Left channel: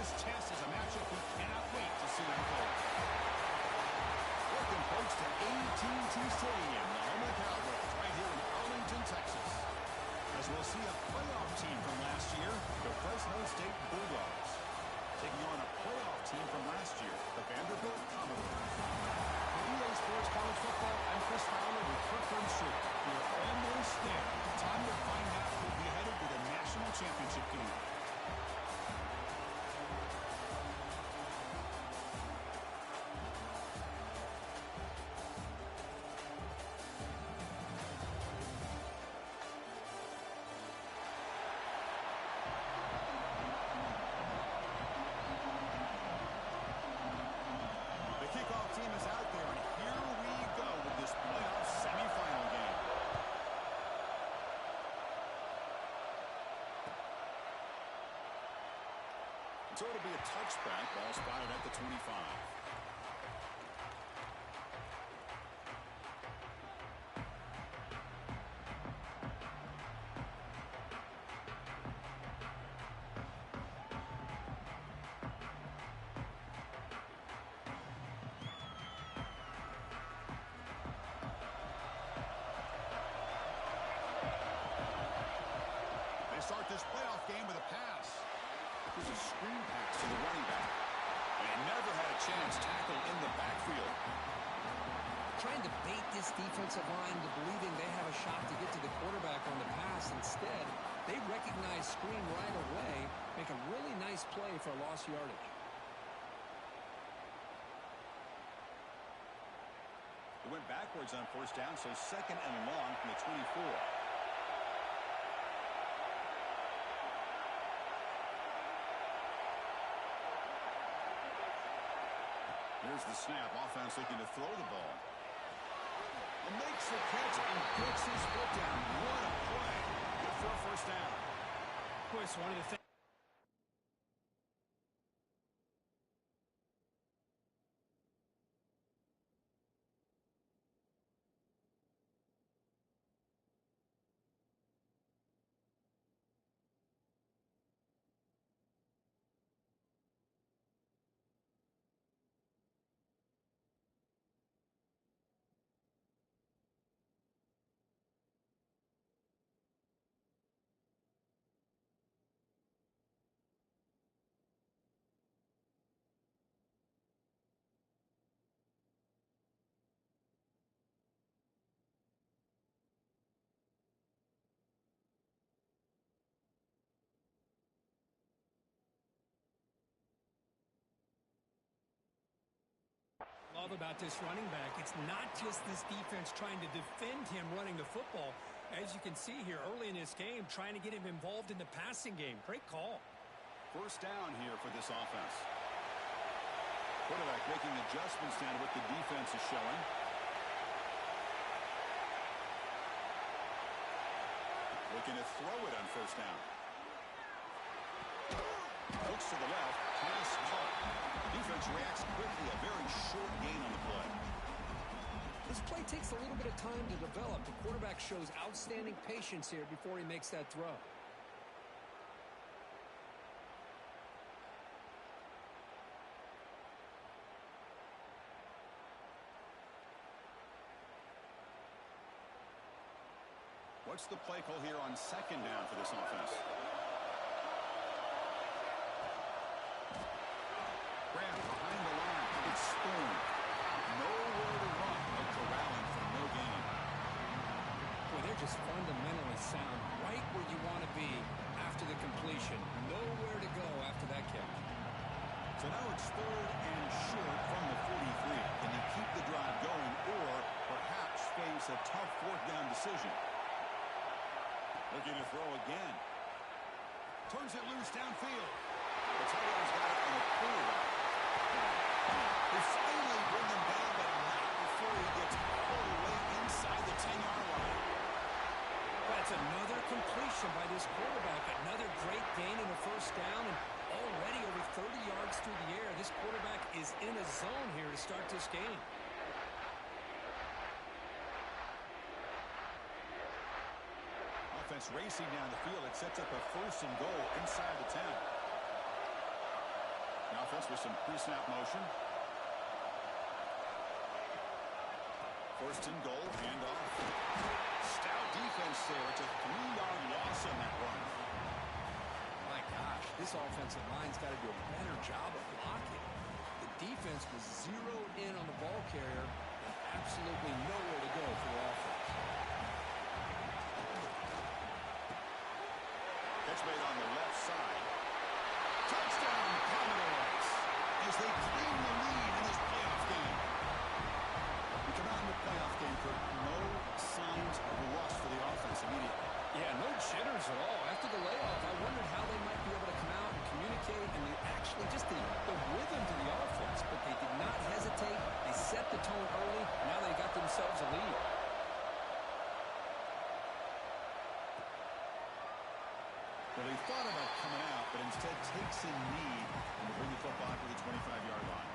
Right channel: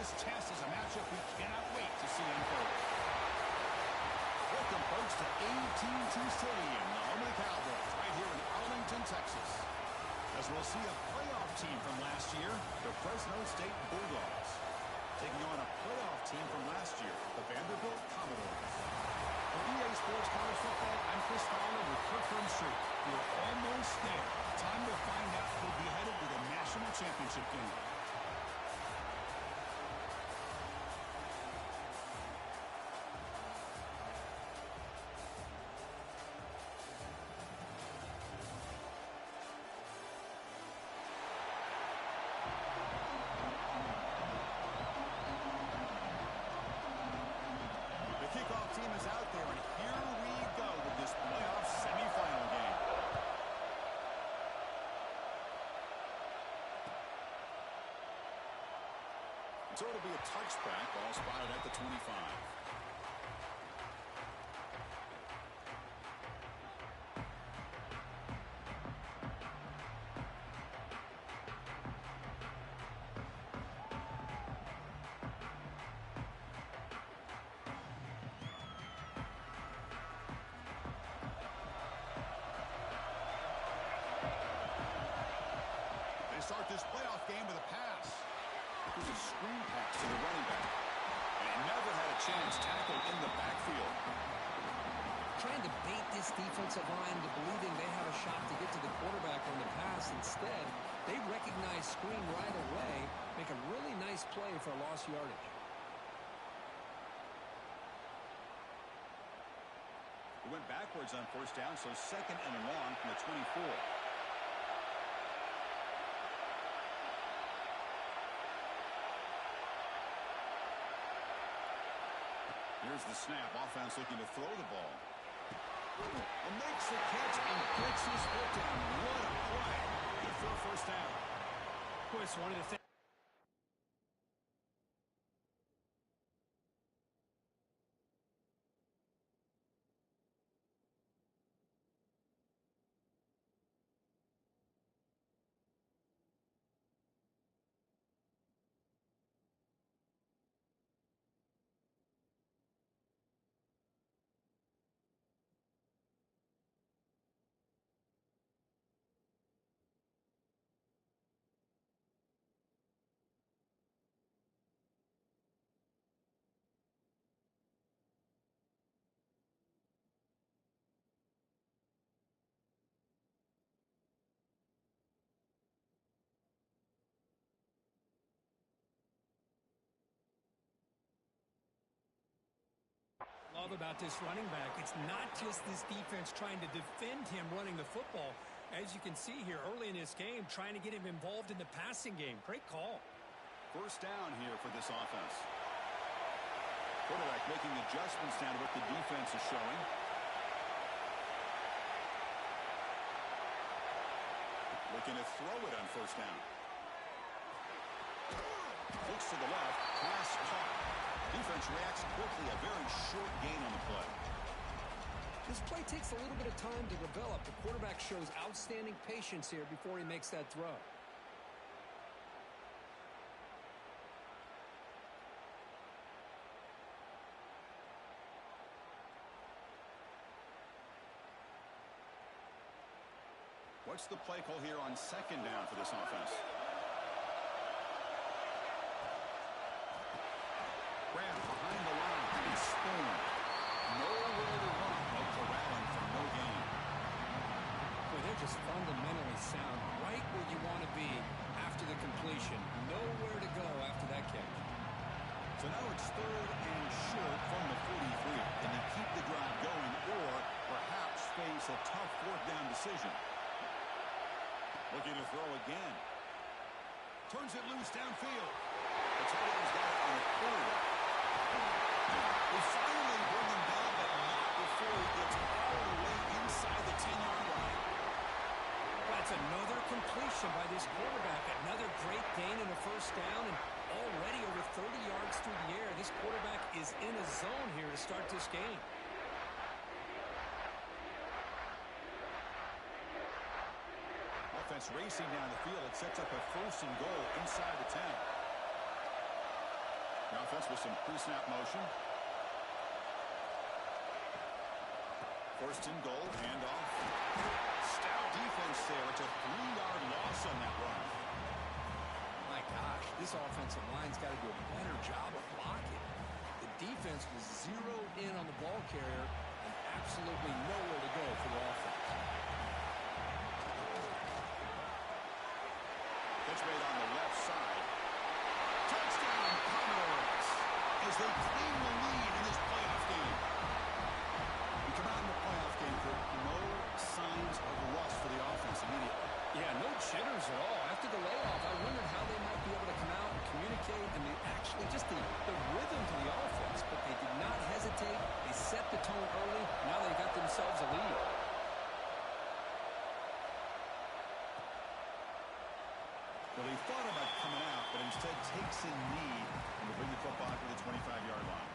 This test is a matchup we cannot wait to see unfold. Welcome, folks, to AT&T Stadium, the home of the Cowboys, right here in Arlington, Texas. As we'll see a playoff team from last year, the Fresno State Bulldogs, taking on a playoff team from last year, the Vanderbilt Commodores. For EA Sports College Football, I'm Chris Fowler with Kirk Herbstreit. We're almost there. Time to find out who'll be headed to the national championship game. Team is out there, and here we go with this playoff semifinal game. So it'll be a touchback, ball spotted at the 25. Start this playoff game with a pass. It was a screen pass to the running back. And he never had a chance tackled in the backfield. Trying to bait this defensive line into believing they have a shot to get to the quarterback on the pass. Instead, they recognize screen right away, make a really nice play for lost yardage. It went backwards on first down, so second and long from the 24. Here's the snap. Offense looking to throw the ball. And makes the catch and gets his foot down. What a play. Good for a first down. Of course, one of the things. Love about this running back. It's not just this defense trying to defend him running the football. As you can see here early in this game, trying to get him involved in the passing game. Great call. First down here for this offense. Quarterback making adjustments down to what the defense is showing. Looking to throw it on first down. Looks to the left. Pass caught. Defense reacts quickly. A very short gain on the play. This play takes a little bit of time to develop. The quarterback shows outstanding patience here before he makes that throw. What's the play call here on second down for this offense? Grab behind the line. It's Spoon. Nowhere to run. No corralling for no gain. Boy, they're just fundamentally sound. Right where you want to be after the completion. Nowhere to go after that catch. So now it's third and short from the 43. Can they keep the drive going or perhaps face a tough fourth down decision? Looking to throw again. Turns it loose downfield. The tight end's got it on a quarterback. They finally bring him down, but not before he gets all the way inside the 10-yard line. That's another completion by this quarterback. Another great gain in a first down, and already over 30 yards through the air. This quarterback is in a zone here to start this game. Offense racing down the field. It sets up a first and goal inside the 10. The offense with some pre-snap motion. First and goal, handoff. Stout defense there. It's a 3-yard loss on that run. My gosh, this offensive line's got to do a better job of blocking. The defense was zeroed in on the ball carrier and absolutely nowhere to go for the offense. Catch made on the left side. Touchdown, Commodores, as they claim the lead in this playoff game. We come out in the playoff game, Kurt, no signs of rust for the offense immediately. Yeah, no jitters at all. After the layoff, I wondered how they might be able to come out and communicate and actually just the rhythm to the offense. But they did not hesitate. They set the tone early. Now they got themselves a lead. Well, he thought about coming out, but instead takes a knee and will bring the football to the 25-yard line.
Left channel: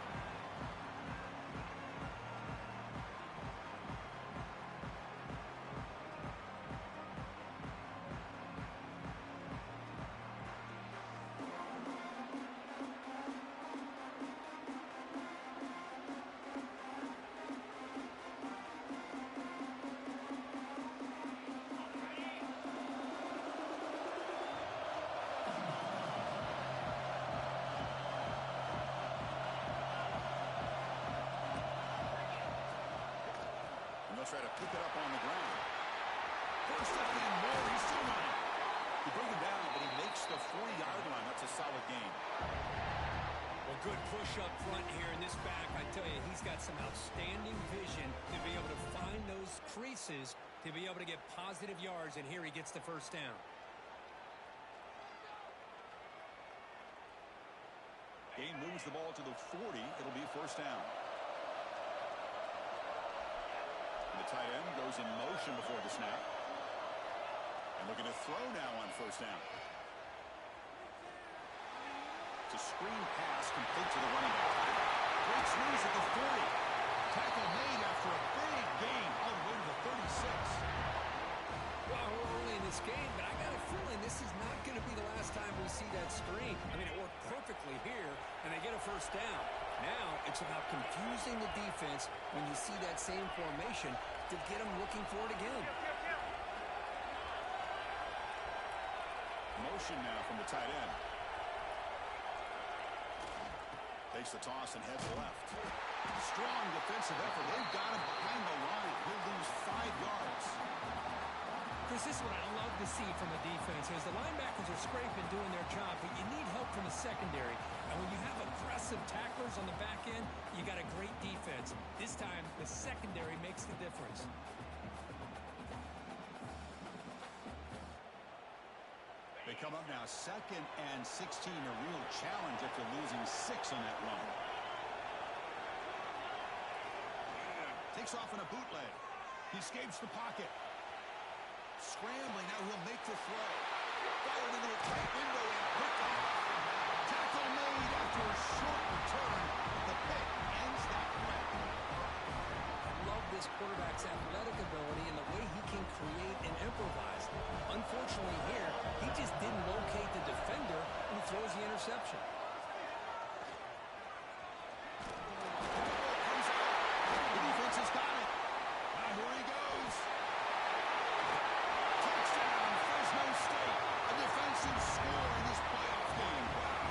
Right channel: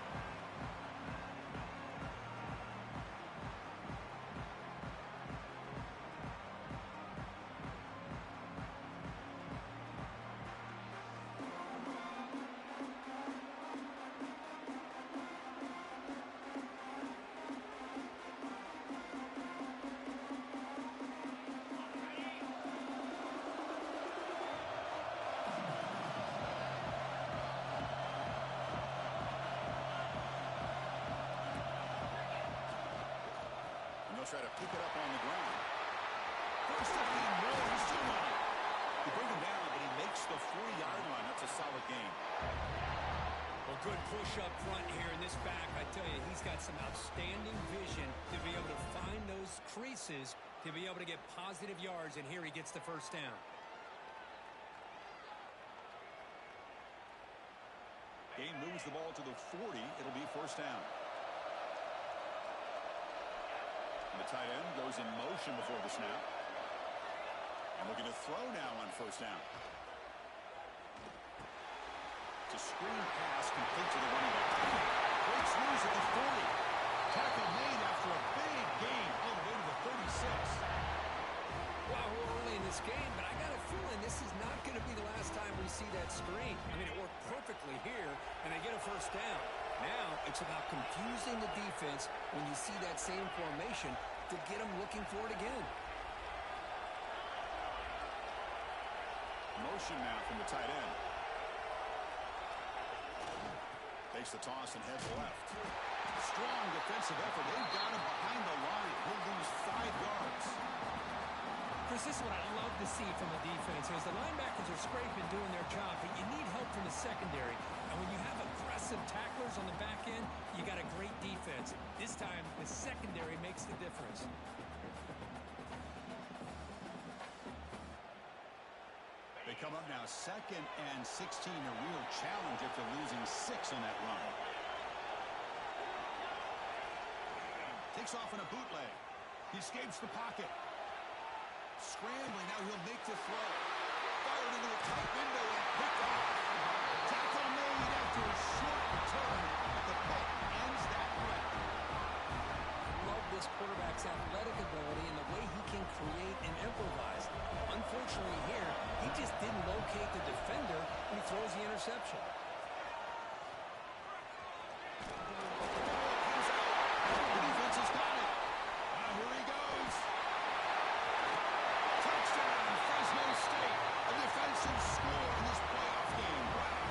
Try to pick it up on the ground. First up and more. He's still running. You bring him down, but he makes the 40-yard line. That's a solid gain. Well, good push up front here in this back. I tell you, he's got some outstanding vision to be able to find those creases to be able to get positive yards, and here he gets the first down. Gain moves the ball to the 40. It'll be first down. The tight end goes in motion before the snap. And looking to throw now on first down. It's a screen pass complete to the running back. Breaks loose at the 40. Tackle made after a big gain all the way to the 36. Well, we're early in this game, but I got a feeling this is not going to be the last time we see that screen. I mean, it worked perfectly here, and they get a first down. Now it's about confusing the defense when you see that same formation to get them looking for it again. Motion now from the tight end. Takes the toss and heads left. Strong defensive effort. They've got him behind the line. He'll lose 5 yards. Chris, this is what I love to see from a defense is the linebackers are scraping, doing their job, but you need help from the secondary. And when you have aggressive tacklers on the back end, you got a great defense. This time, the secondary makes the difference. They come up now 2nd and 16, a real challenge after losing 6 on that run. Takes off in a bootleg. He escapes the pocket. Scrambling, now he'll make the throw. Fired into a tight window and picked off. Tackle made after a short return, but the pick ends that threat. I love this quarterback's athletic ability and the way he can create and improvise. Unfortunately here, he just didn't locate the defender and he throws the interception. The ball comes out. The defense has got it. Now here he goes. Touchdown, Fresno State. A defensive score in this playoff game. Wow.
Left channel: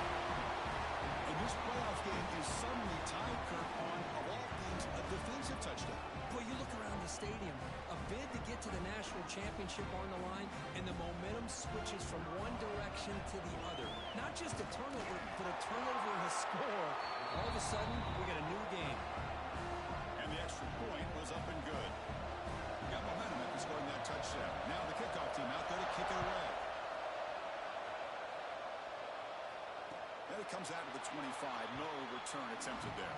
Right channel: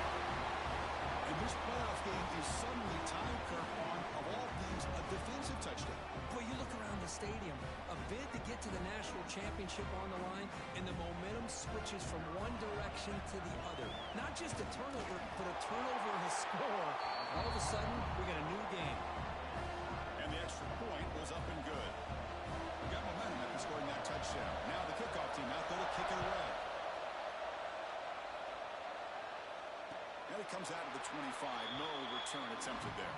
And this playoff game is suddenly tied, Kirk, on, of all things, a defensive touchdown. Boy, you look around the stadium, a bid to get to the national championship on the line, and the momentum switches from one direction to the other. Not just a turnover, but a turnover and a score. All of a sudden, we got a new game. And the extra point was up and good. We got momentum after scoring that touchdown. Now the kickoff team out there to kick it away. And it comes out of the 25. No return attempted there.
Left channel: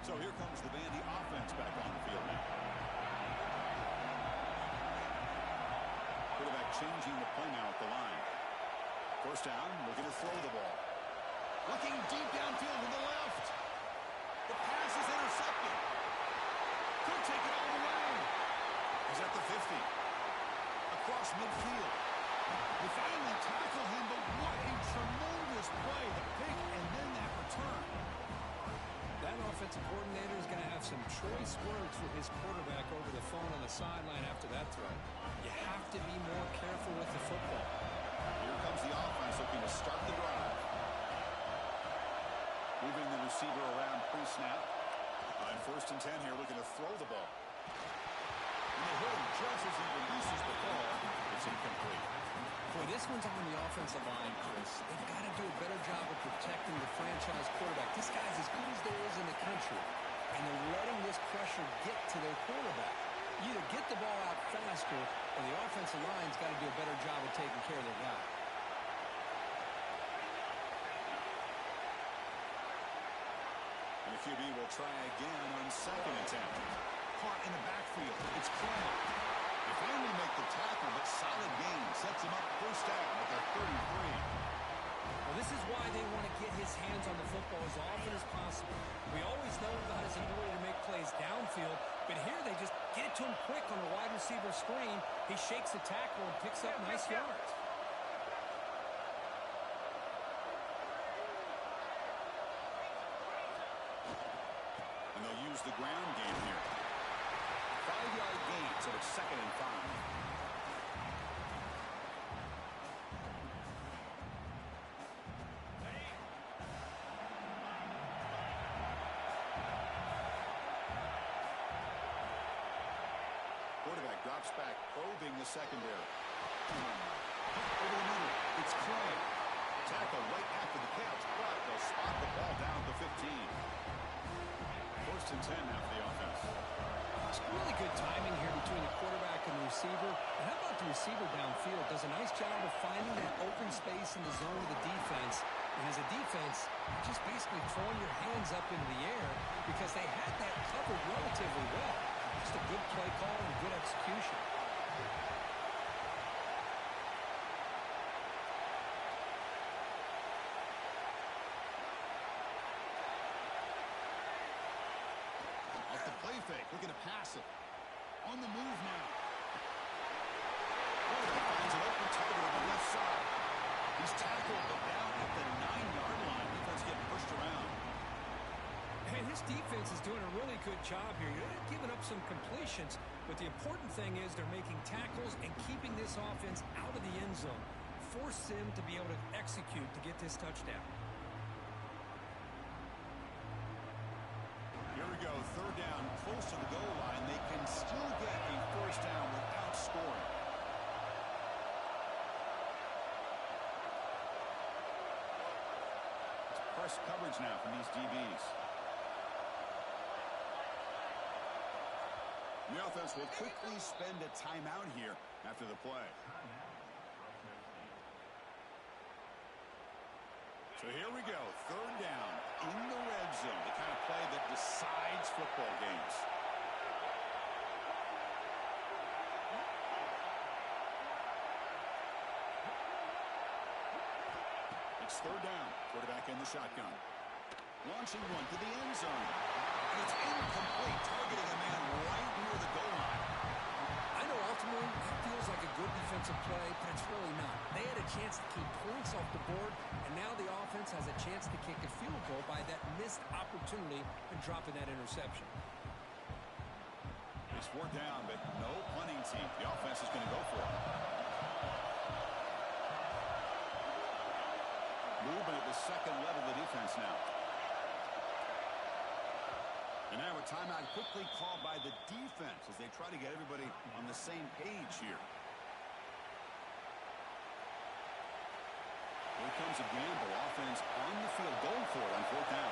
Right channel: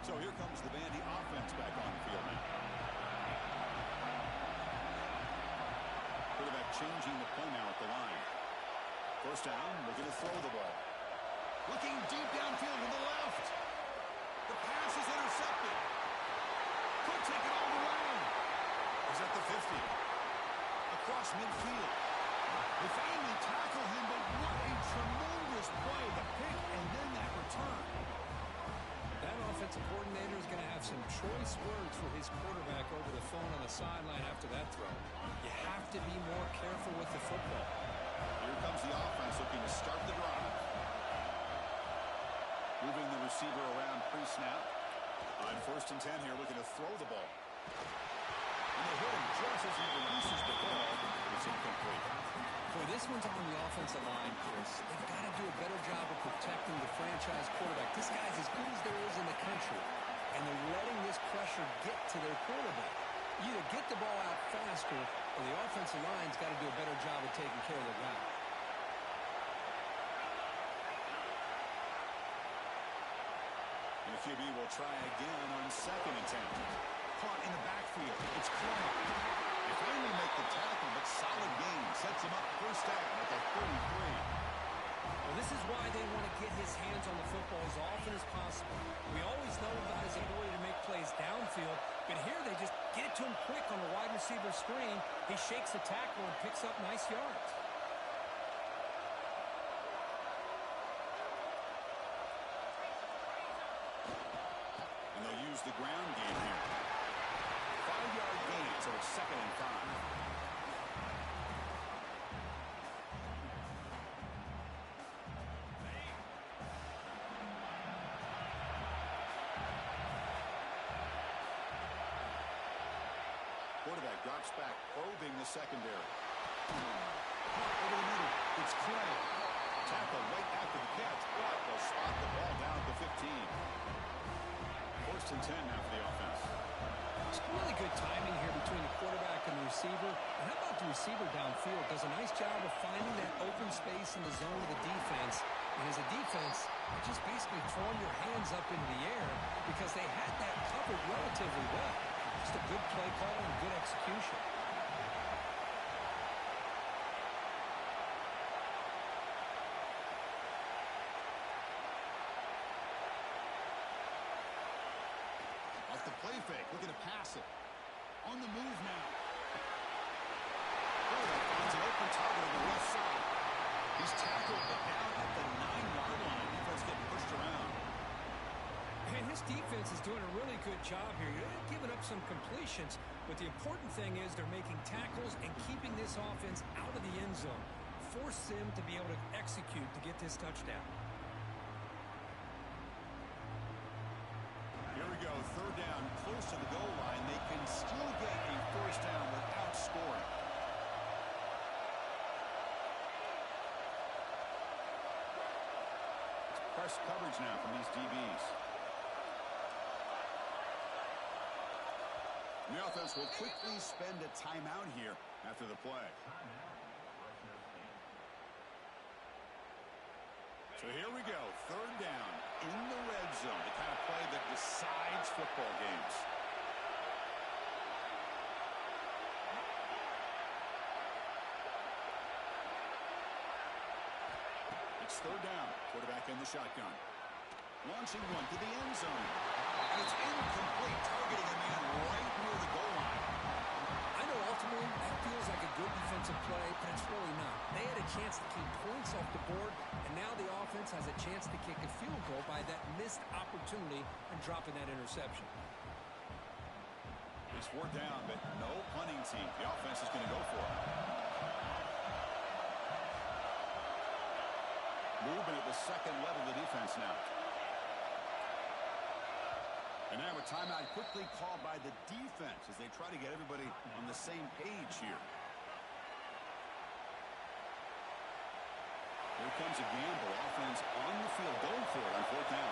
So here comes the Vandy offense back on the field now. Quarterback changing the play now at the line. First down, looking to throw the ball. Looking deep downfield to the left. The pass is intercepted. Could take it all the way. He's at the 50. across midfield. They finally tackle him, but what a tremendous play. The pick and then that return. That offensive coordinator is going to have some choice words for his quarterback over the phone on the sideline after that throw. You have to be more careful with the football. Here comes the offense looking to start the drive. Moving the receiver around pre-snap. On 1st and 10 here, looking to throw the ball. And they hit him just as he releases the ball. It's incomplete. Boy, this one's on the offensive line, Chris. They've got to do a better job of protecting the franchise quarterback. This guy's as good as there is in the country, and they're letting this pressure get to their quarterback. You either get the ball out faster, or the offensive line's got to do a better job of taking care of their guy. And the QB will try again on 2nd and 10. Caught in the backfield. It's Clay. They finally make the tackle, but solid gain sets him up 1st down at the 33. Well, this is why they want to get his hands on the football as often as possible. We always know about his ability to make plays downfield, but here they just get it to him quick on the wide receiver screen. He shakes the tackle and picks up nice yards. And they'll use the ground game here. 5-yard gain, so it's 2nd and 5. Quarterback drops back, probing the secondary. Over the middle, it's Clay. Tackle right after the catch, but they'll spot the ball down at the 15. 1st and 10 now for the offense. It's really good timing here between the quarterback and the receiver. And how about the receiver downfield? Does a nice job of finding that open space in the zone of the defense. And as a defense, you're just basically throwing your hands up into the air because they had that covered relatively well. Just a good play call and good execution. Off the play fake, looking to pass it. On the move now. Quarterback finds an open target on the left side. He's tackled, but down at the 9-yard line. Defense getting pushed around. And his defense is doing a really good job here. They're giving up some completions, but the important thing is they're making tackles and keeping this offense out of the end zone. Force them to be able to execute to get this touchdown. Here we go, 3rd down, close to the goal line. They can still get a 1st down without scoring. It's press coverage now from these DBs. The offense will quickly spend a timeout here after the play. So here we go, 3rd down in the red zone, the kind of play that decides football games. It's 3rd down, quarterback in the shotgun. Launching one to the end zone. And it's incomplete, targeting a man right near the goal line. I know ultimately that feels like a good defensive play, but it's really not. They had a chance to keep points off the board, and now the offense has a chance to kick a field goal by that missed opportunity and dropping that interception. It's 4th down, but no punting team. The offense is going to go for it. Movement at the 2nd level of the defense now. And now a timeout quickly called by the defense as they try to get everybody on the same page here. Here comes a gamble. Offense on the field going for it on 4th down.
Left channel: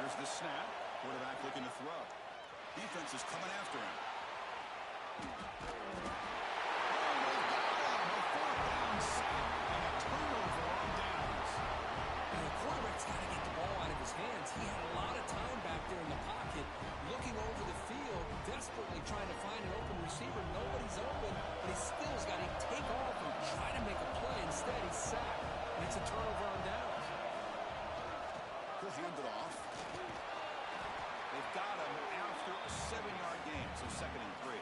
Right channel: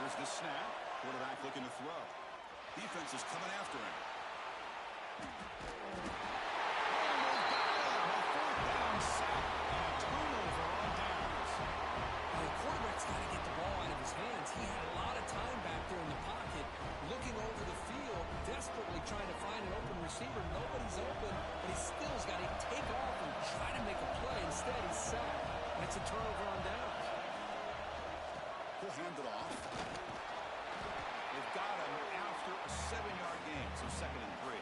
Here's the snap. Quarterback looking to throw. Defense is coming after him. Oh, they got him! A 4th down sack and a turnover on downs. Now the quarterback's got to get the ball out of his hands. He had a lot of time back there in the pocket, looking over the field, desperately trying to find an open receiver. Nobody's open, but he still's got to take off and try to make a play. Instead, he's sacked. and it's a turnover on downs. He'll hand it off. They've got him after a 7-yard gain, so 2nd and 3.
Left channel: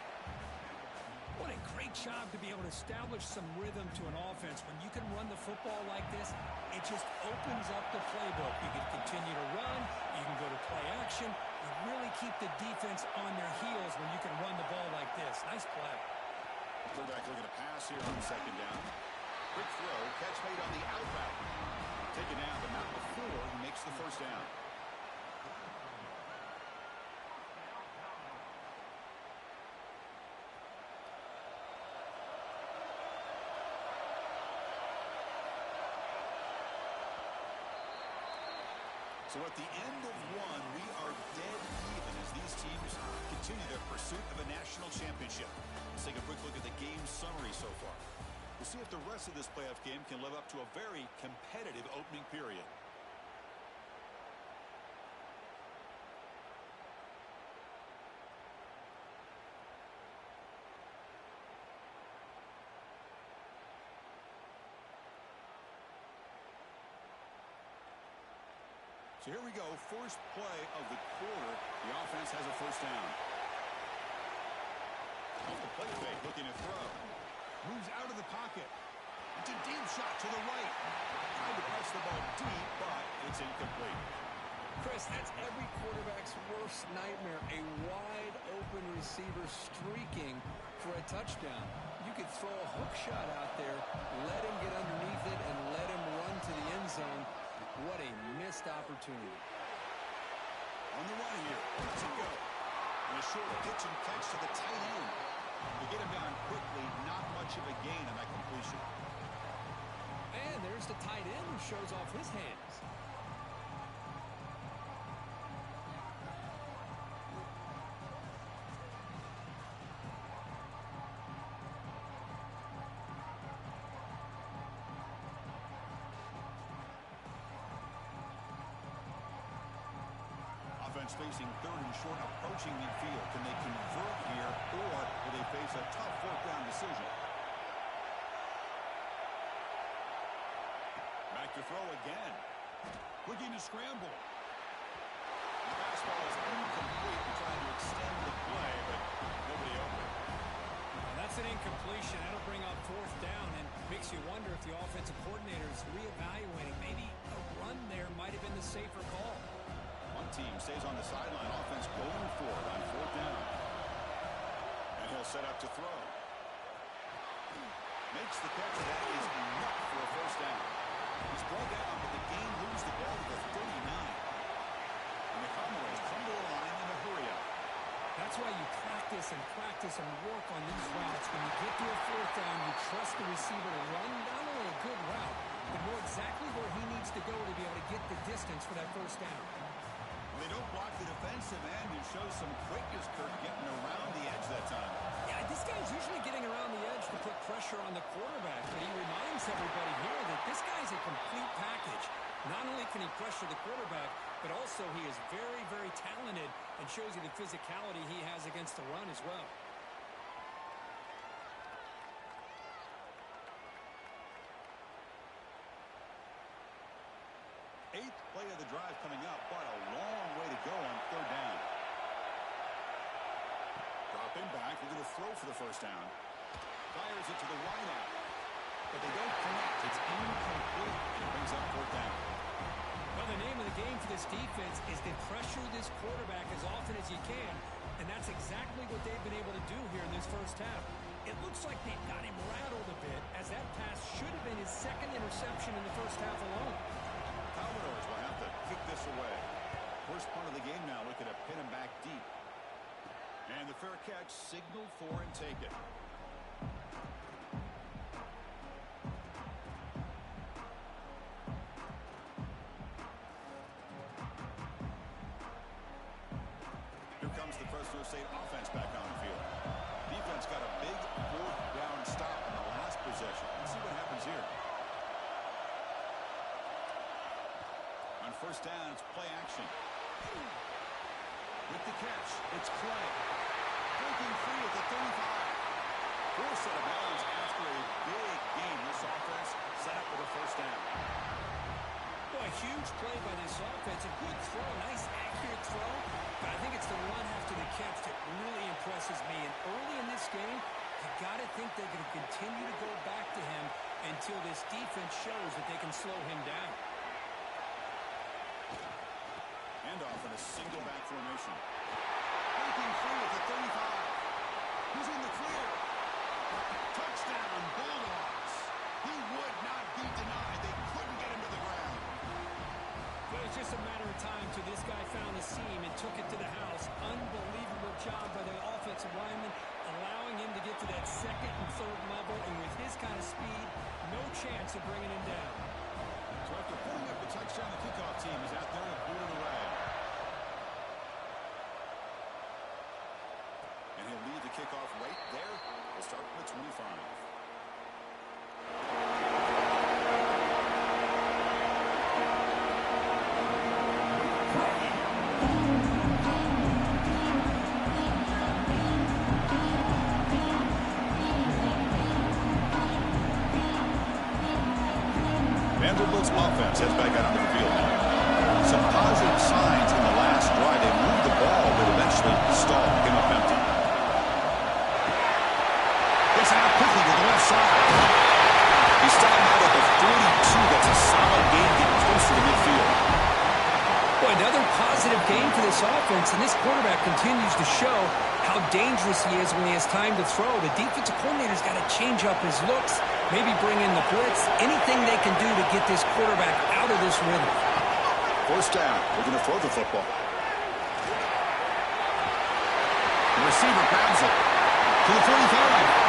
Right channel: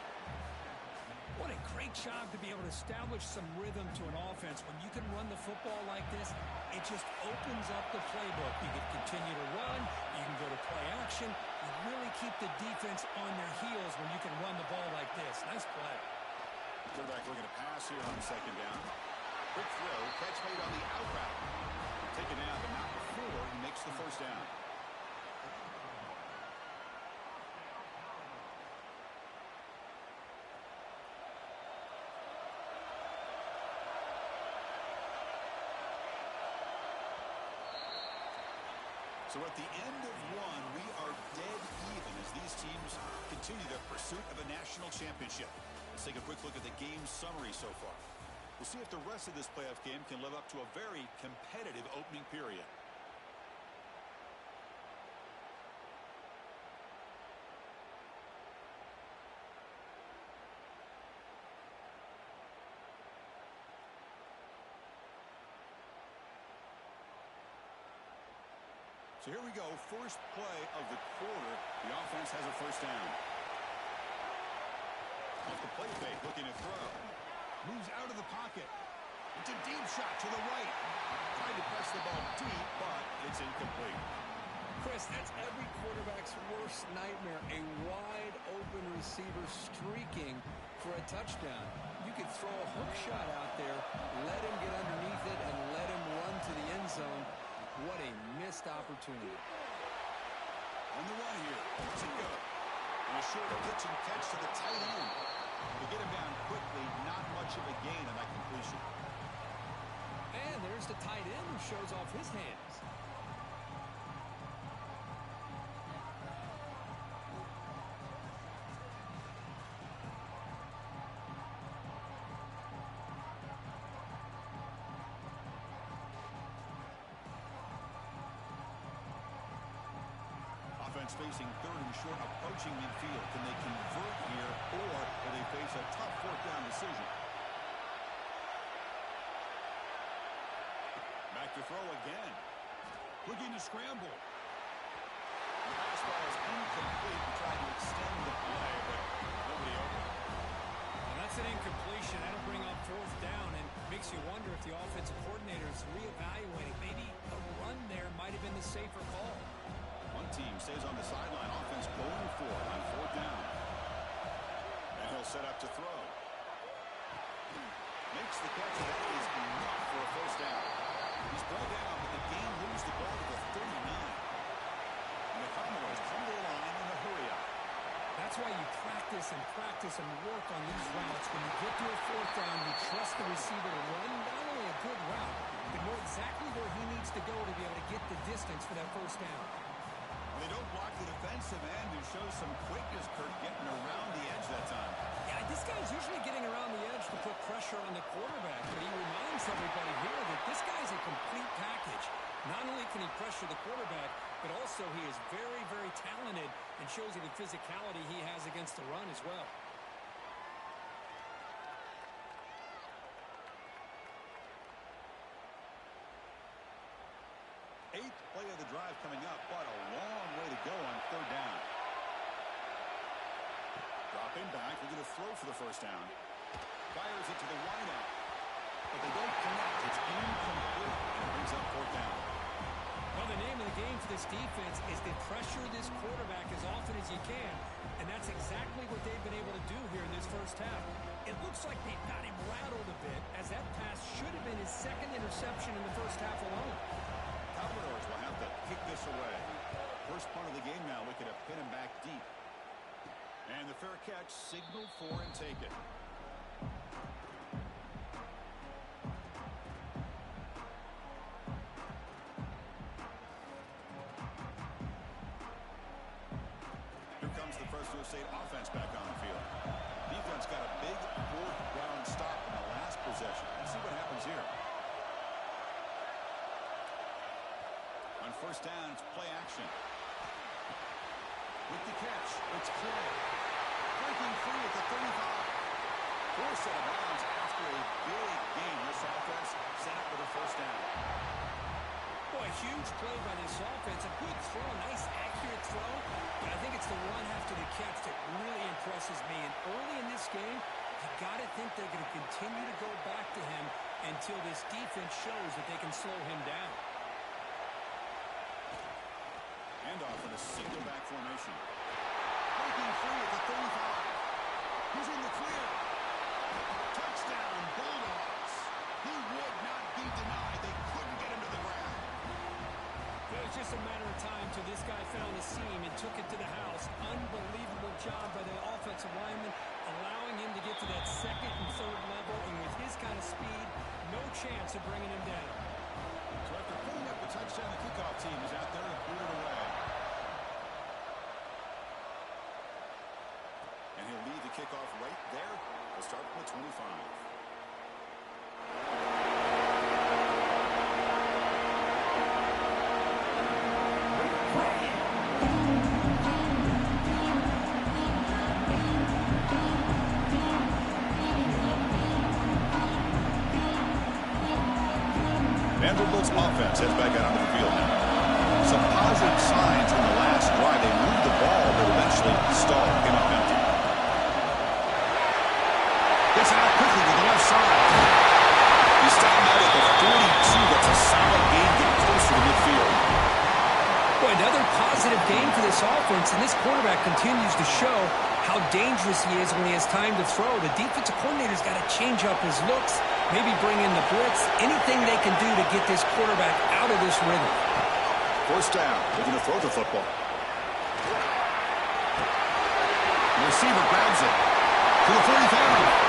What a great job to be able to establish some rhythm to an offense. When you can run the football like this, it just opens up the playbook. You can continue to run. You can go to play action. You really keep the defense on their heels when you can run the ball like this. Nice play. Quarterback looking to pass here on 2nd down. Quick throw. Catch made on the out route. Taken down, but not before he makes the 1st down. So at the end of one, we are dead even as these teams continue their pursuit of a national championship. Let's take a quick look at the game summary so far. We'll see if the rest of this playoff game can live up to a very competitive opening period. So here we go, first play of the quarter. The offense has a 1st down. Off the play fake, looking to throw. Moves out of the pocket. It's a deep shot to the right. Tried to press the ball deep, but it's incomplete. Chris, that's every quarterback's worst nightmare. A wide open receiver streaking for a touchdown. You could throw a hook shot out there, let him get underneath it, and let him run to the end zone. What a missed opportunity. On the run here. Let's it go. And a short pitch and catch to the tight end. To get him down quickly, not much of a gain on that completion. And there's the tight end who shows off his hands. Facing 3rd and short, approaching midfield. Can they convert here, or will they face a tough 4th down decision? Back to throw again. Looking to scramble. The pass ball is incomplete and trying to extend the play, but nobody open. Well, that's an incompletion. That'll bring up 4th down and makes you wonder if the offensive coordinator is reevaluating. Maybe a run there might have been the safer call. One team stays on the sideline. Offense going for it on 4th down. And he'll set up to throw. Makes the catch. That is enough for a 1st down. He's brought down, but the game moves the ball to the 39. And the Commodores come to the line in a hurry up. That's why you practice and work on these routes. When you get to a 4th down, you trust the receiver to run not only a good route, but know exactly where he needs to go to be able to get the distance for that 1st down. Well, they don't block the defensive end, who shows some quickness, Kirk, getting around the edge that time. Yeah, this guy's usually getting around the edge to put pressure on the quarterback, but he reminds everybody here that this guy's a complete package. Not only can he pressure the quarterback, but also he is very, very talented and shows you the physicality he has against the run as well. 8th play of the drive coming up, but a long way to go on 3rd down. Dropping back, looking to throw for the 1st down. Fires it to the wide out, but they don't connect. It's incomplete, and it brings up 4th down. Well, the name of the game for this defense is to pressure this quarterback as often as you can, and that's exactly what they've been able to do here in this 1st half. It looks like they've got him rattled a bit, as that pass should have been his 2nd interception in the 1st half alone. Commodores will have to kick this away. First punt of the game now, looking to pin him back deep. And the fair catch, signaled for and taken. Here comes the fresNo State offense back on the field. Defense got a big 4th down stop in the last possession. Let's see what happens here. On 1st down, it's play action. With the catch, it's Clay. Breaking free at the 35. Full set of bounds after a big game. This offense set up with a first down. Boy, a huge play by this offense. A good throw, nice accurate throw. But I think it's the run after the catch that really impresses me. And early in this game, you got to think they're going to continue to go back to him until this defense shows that they can slow him down. Handoff in a single back formation. Breaking free at the 35. He's in the clear. Touchdown, Bulldogs. He would not be denied. They couldn't get him to the ground. It was just a matter of time till this guy found the seam and took it to the house. Unbelievable job by the offensive lineman, allowing him to get to that second and third level. And with his kind of speed, no chance of bringing him down. So after putting up the touchdown, the kickoff team is out there to boot it away. And he'll lead the kickoff right there. We'll start from the 25. Vanderbilt's offense heads back out onto the field now. Some positive signs in the last drive. They moved the ball, but eventually stalled, came up empty. Gets it out quickly to the left side. He stopped out at the 42. That's a solid gain, getting closer to midfield. Boy, another positive game for this offense, and this quarterback continues to show how dangerous he is when he has time to throw. The defensive coordinator's got to change up his looks, maybe bring in the blitz, anything they can do to get this quarterback out of this rhythm. First down. They're going to throw the football. The receiver grabs it to the 45.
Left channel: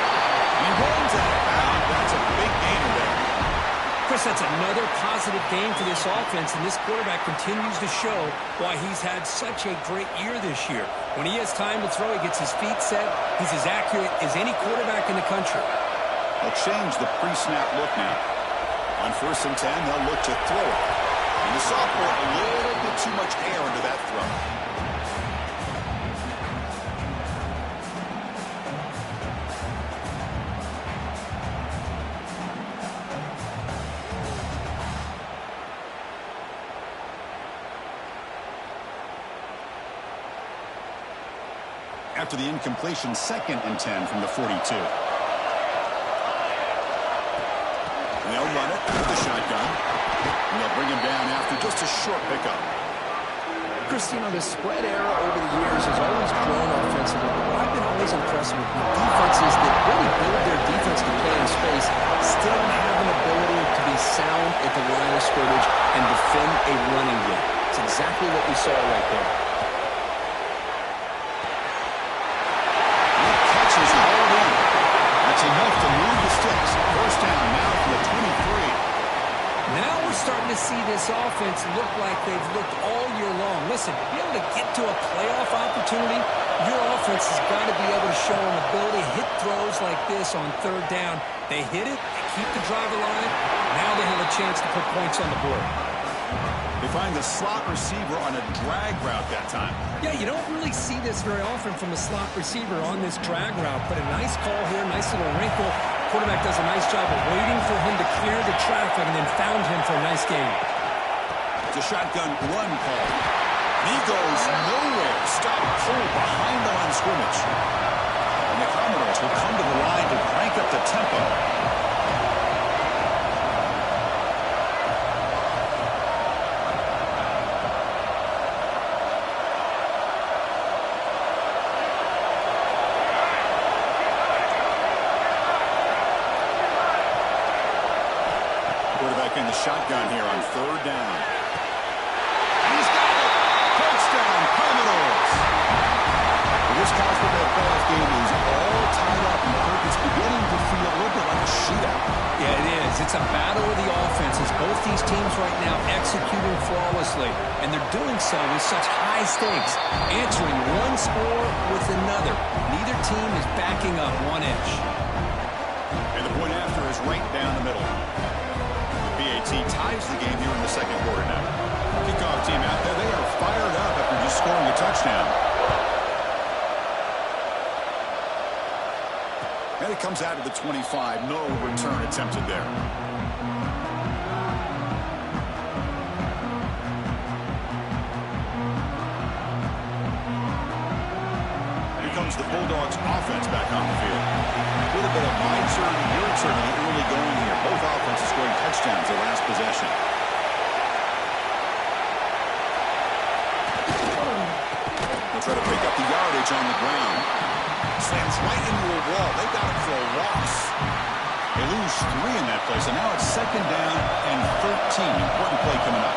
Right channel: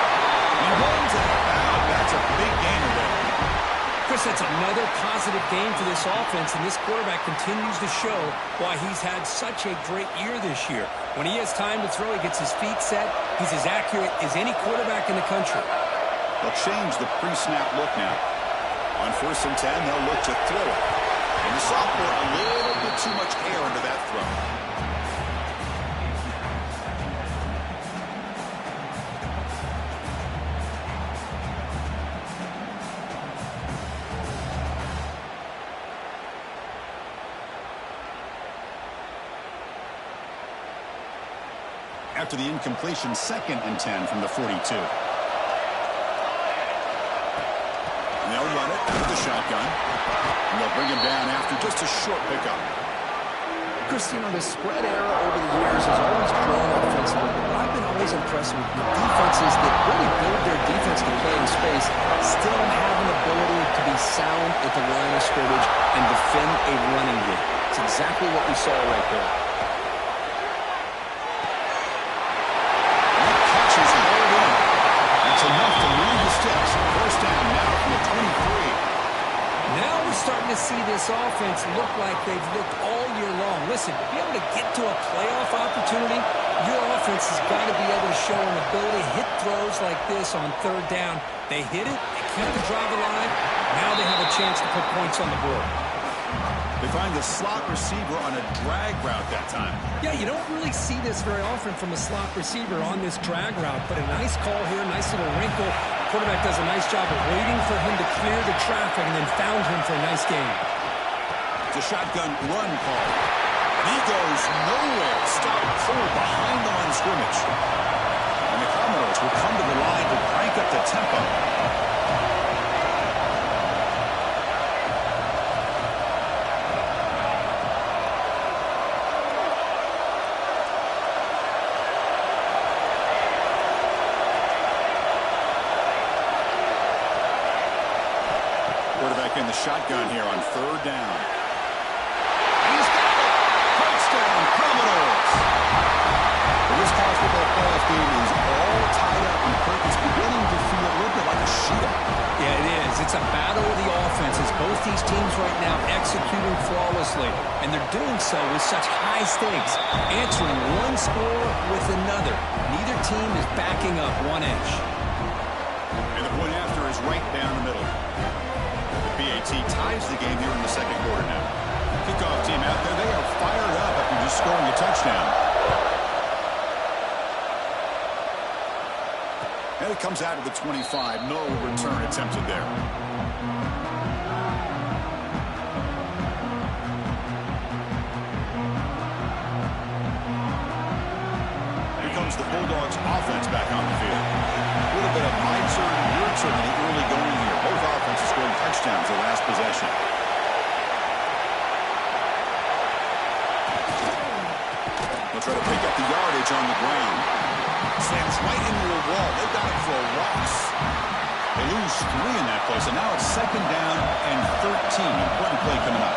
He runs out of bounds. That's a big gainer there. Chris, that's another positive game for this offense, and this quarterback continues to show why he's had such a great year this year. When he has time to throw, he gets his feet set. He's as accurate as any quarterback in the country. They'll change the pre-snap look now. On 1st and 10, they'll look to throw it. And the sophomore, a little bit too much air into that throw. After the incompletion, 2nd and 10 from the 42. And they'll run it with the shotgun. And they'll bring him down after just a short pickup. Chris, you know, the spread era over the years has always grown offensively, but I've been always impressed with defenses that really build their defense to play in space, still have an ability to be sound at the line of scrimmage and defend a running game. It's exactly what we saw right there. Is hauled in. That's enough to move the sticks. First down now from the 23. Now we're starting to see this offense look like they've looked all year long. Listen, to be able to get to a playoff opportunity, your offense has got to be able to show an ability to hit throws like this on 3rd down. They hit it, they keep the drive alive. Now they have a chance to put points on the board. They find the slot receiver on a drag route that time. Yeah, you don't really see this very often from a slot receiver on this drag route, but a nice call here, nice little wrinkle. Quarterback does a nice job of waiting for him to clear the traffic and then found him for a nice gain. It's a shotgun run call. He goes nowhere. Stop cold behind the line of scrimmage. And the Commodores will come to the line to crank up the tempo. Quarterback in the shotgun here on 3rd down. And he's got it! Touchdown, Commodores! Well, this college football playoff game is all tied up, and Kirk, it's beginning to feel a little bit like a shootout. Yeah, it is. It's a battle of the offenses. Both these teams right now executing flawlessly, and they're doing so with such high stakes, answering one score with another. Neither team is backing up 1 inch. And the point after is right down the middle. BAT ties the game here in the 2nd quarter now. Kickoff team out there. They are fired up after just scoring a touchdown. And it comes out of the 25. No return attempted there. Here comes the Bulldogs offense back on the field. A little bit of my turn, your turn in the early going here. Both offenses scoring touchdowns their last possession. They'll try to pick up the yardage on the ground. Slams right into a wall. They've got it for a loss. They lose 3 in that place, and now it's 2nd down and 13. Important play coming up.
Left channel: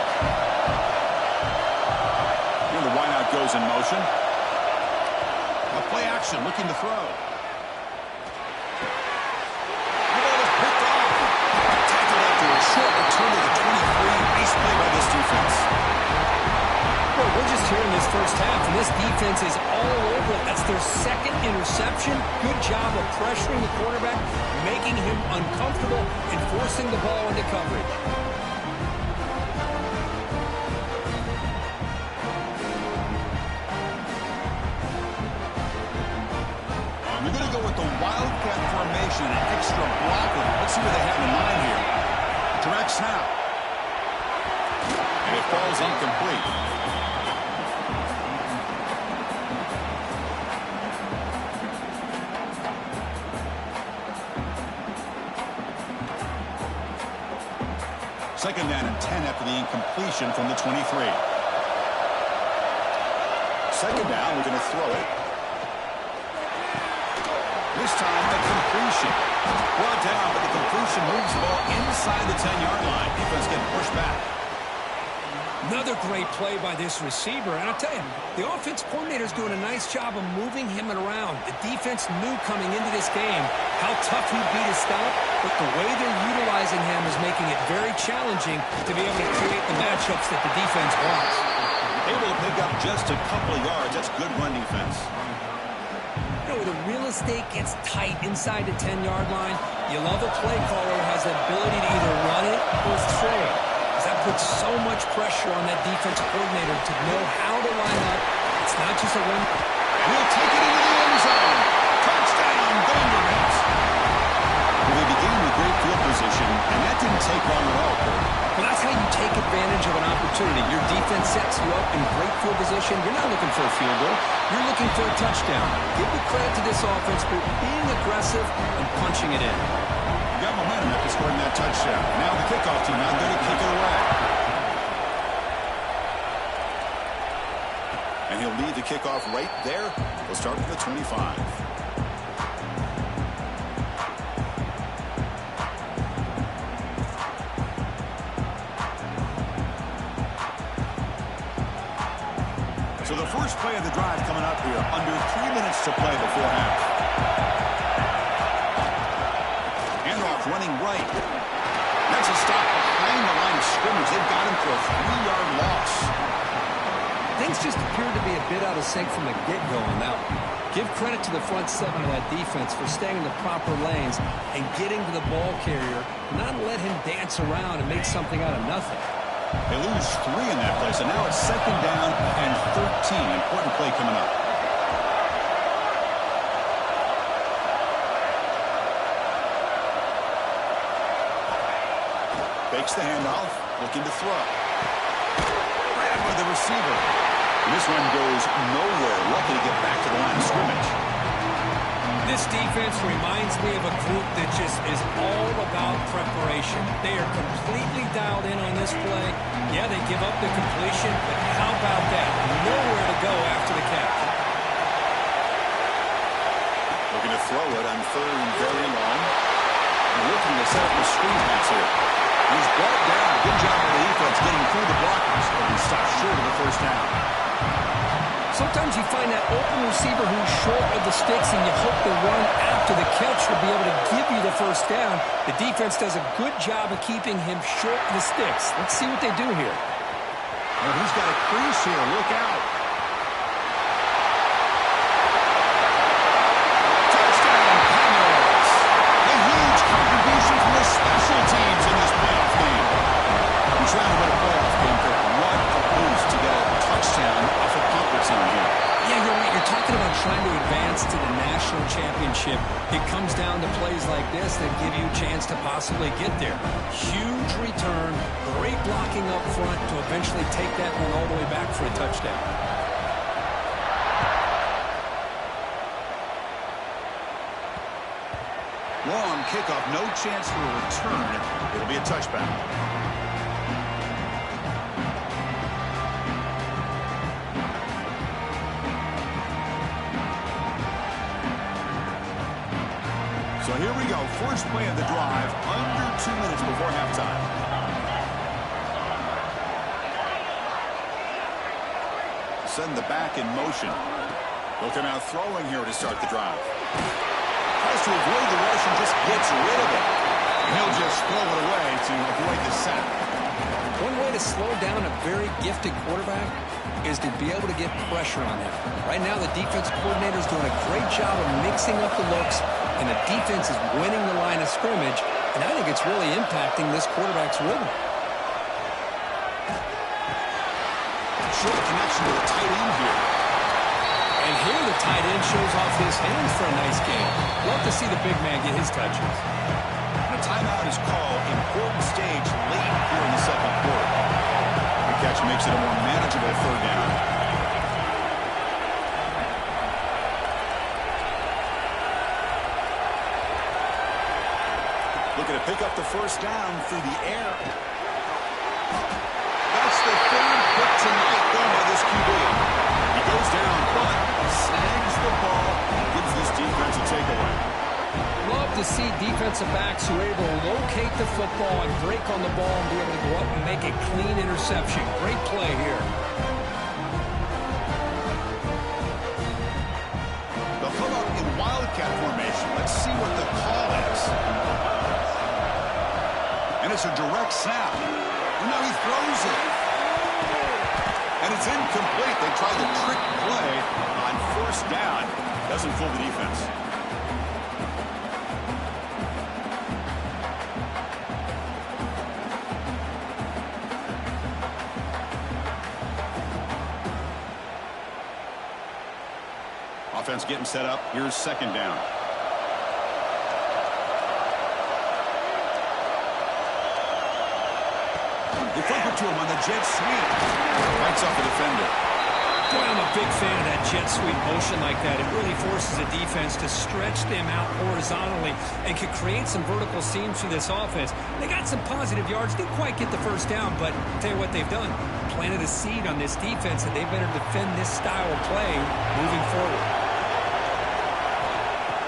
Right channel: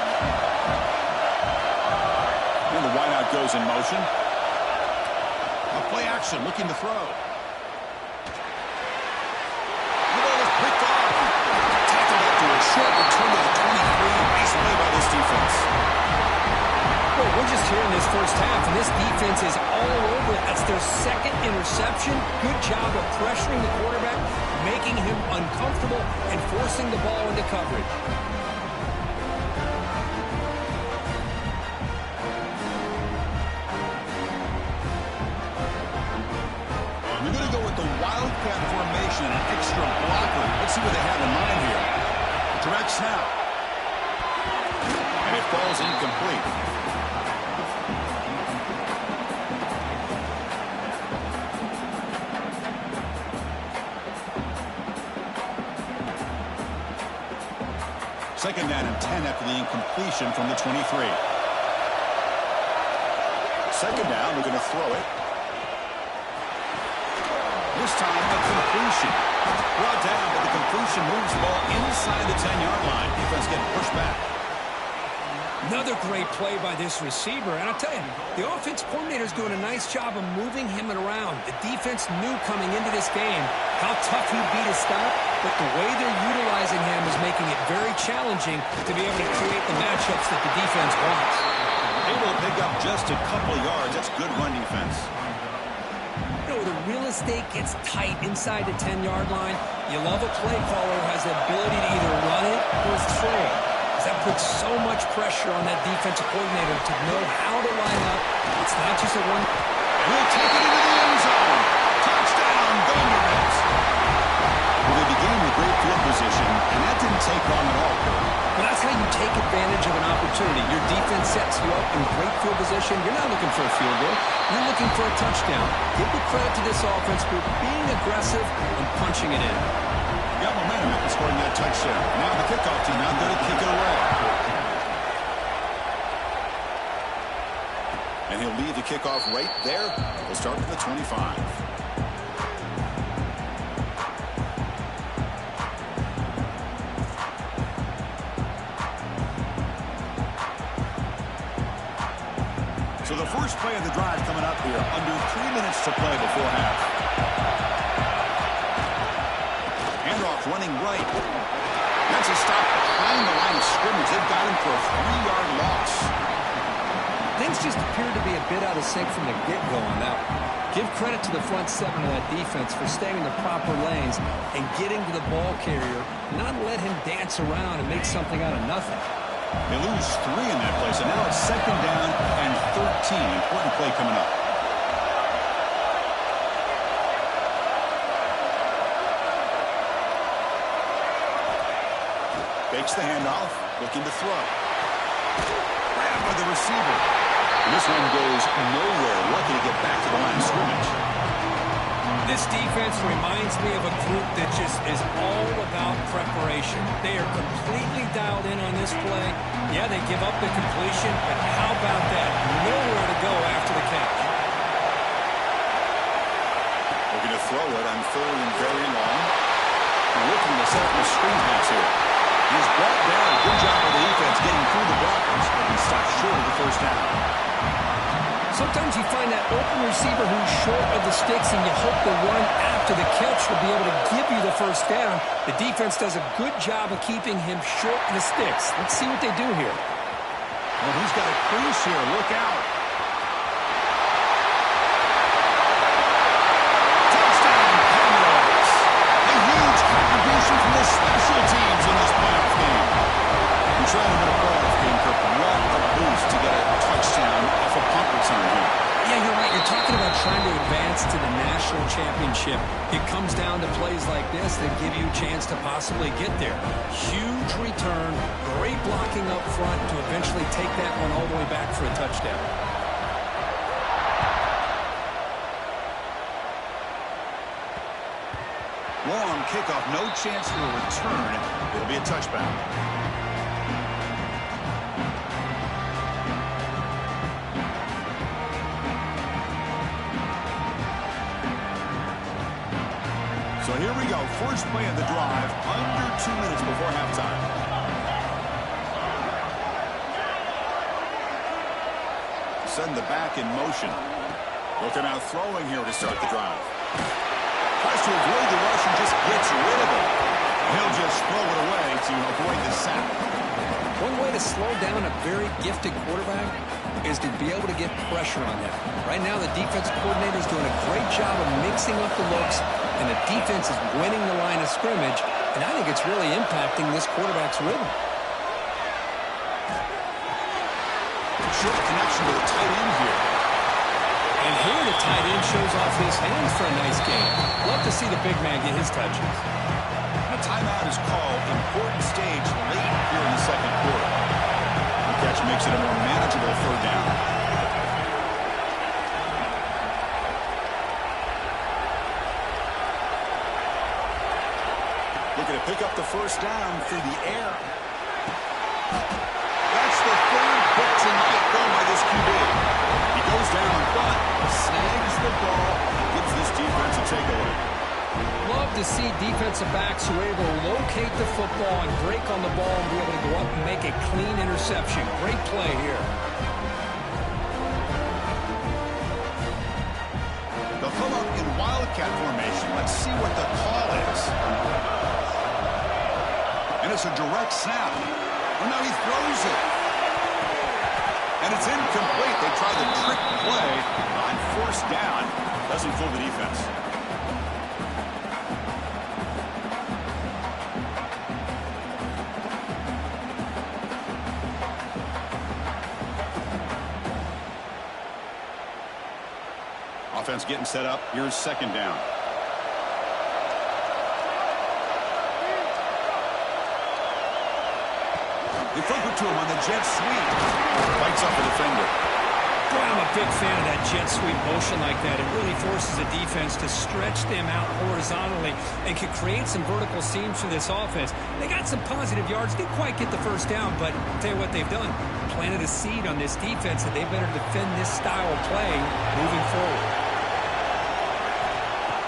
Here the wideout goes in motion. A play action, looking to throw. The ball is picked off. Tackled after a short return to the 23. Nice play by this defense. Well, we're just here in this first half, and this defense is all over it. That's their 2nd interception. Good job of pressuring the quarterback, making him uncomfortable, and forcing the ball into coverage. They're going to go with the wildcat formation and an extra blocker. Let's see what they have in mind here. Direct snap. And it falls incomplete. Second down and 10 after the incompletion from the 23. Second down, we're going to throw it. This time, a completion. Brought down, but the completion moves the ball inside the 10-yard line. Defense getting pushed back. Another great play by this receiver. And I'll tell you, the offense coordinator's doing a nice job of moving him around. The defense knew coming into this game how tough he'd be to stop, but the way they're utilizing him is making it very challenging to be able to create the matchups that the defense wants. Able to pick up just a couple of yards. That's good run defense. You know, where the real estate gets tight inside the 10-yard line, you love a play caller who has the ability to either run it or throw it. That puts so much pressure on that defensive coordinator to know how to line up. It's not just a one. And he'll take it into the end zone. Touchdown, Vanderbilt. Well, they began with great field position, and that didn't take long at all, Kurt. Well, that's how you take advantage of an opportunity. Your defense sets you up in great field position. You're not looking for a field goal. You're looking for a touchdown. Give the credit to this offense for being aggressive and punching it in. Got momentum after scoring that touchdown. Now the kickoff team out there to kick it away. And he'll lead the kickoff right there. He'll start from the 25. So the first play of the drive coming up here. Under 3 minutes to play before half. Running right. That's a stop behind the line of scrimmage. They've got him for a 3-yard loss. Things just appear to be a bit out of sync from the get-go on that one. Give credit to the front 7 of that defense for staying in the proper lanes and getting to the ball carrier, not let him dance around and make something out of nothing. They lose 3 in that place, and now it's 2nd down and 13. Important play coming up. Fakes the handoff, looking to throw. Grabbed by the receiver. And this one goes nowhere. Lucky to get back to the line of scrimmage. This defense reminds me of a group that just is all about preparation. They are completely dialed in on this play. Yeah, they give up the completion, but how about that? Nowhere to go after the catch. Looking to throw it on 3rd and very long. And looking to set up a screen pass here. He's brought down. Good job of the defense getting through the blockers, but he stopped short of the first down. Sometimes you find that open receiver who's short of the sticks, and you hope the run after the catch will be able to give you the first down. The defense does a good job of keeping him short of the sticks. Let's see what they do here. Well, he's got a crease here. Look out. Touchdown, Commodores. A huge contribution from the special teams in this playoff game. We're trying to win a playoff game, Kirk. What a boost to get a touchdown off a punt return here. Yeah, you're right. You're talking talking about trying to advance to the national championship, it comes down to plays like this that give you a chance to possibly get there. Huge return, great blocking up front to eventually take that one all the way back for a touchdown. Long kickoff, no chance for a return. It'll be a touchback. So here we go. First play of the drive, under 2 minutes before halftime. Send the back in motion. Looking out throwing here to start the drive. Tries to avoid the rush and just gets rid of it. And he'll just throw it away to avoid the sack. One way to slow down a very gifted quarterback is to be able to get pressure on him. Right now, the defense coordinator is doing a great job of mixing up the looks, and the defense is winning the line of scrimmage, and I think it's really impacting this quarterback's rhythm. Short connection to the tight end here. And here the tight end shows off his hands for a nice game. Love to see the big man get his touches. And a timeout is called. Important stage late here in the second quarter. The catch makes it a more manageable third down. Looking to pick up the first down through the air. That's the third pick tonight thrown by this QB. He goes down, but snags the ball and gives this defense a takeaway. Love to see defensive backs who are able to locate the football and break on the ball and be able to go up and make a clean interception. Great play here. They'll come up in wildcat formation. Let's see what the call is. And it's a direct snap. Well, now he throws it. And it's incomplete. They try the trick play on first down. Doesn't fool the defense. Offense getting set up. Here's second down. They flip it to him on the jet sweep. Fights off the defender. Boy, I'm a big fan of that jet sweep motion like that. It really forces the defense to stretch them out horizontally and can create some vertical seams for this offense. They got some positive yards. Didn't quite get the first down, but I'll tell you what they've done. Planted a seed on this defense, and they better defend this style of play moving forward.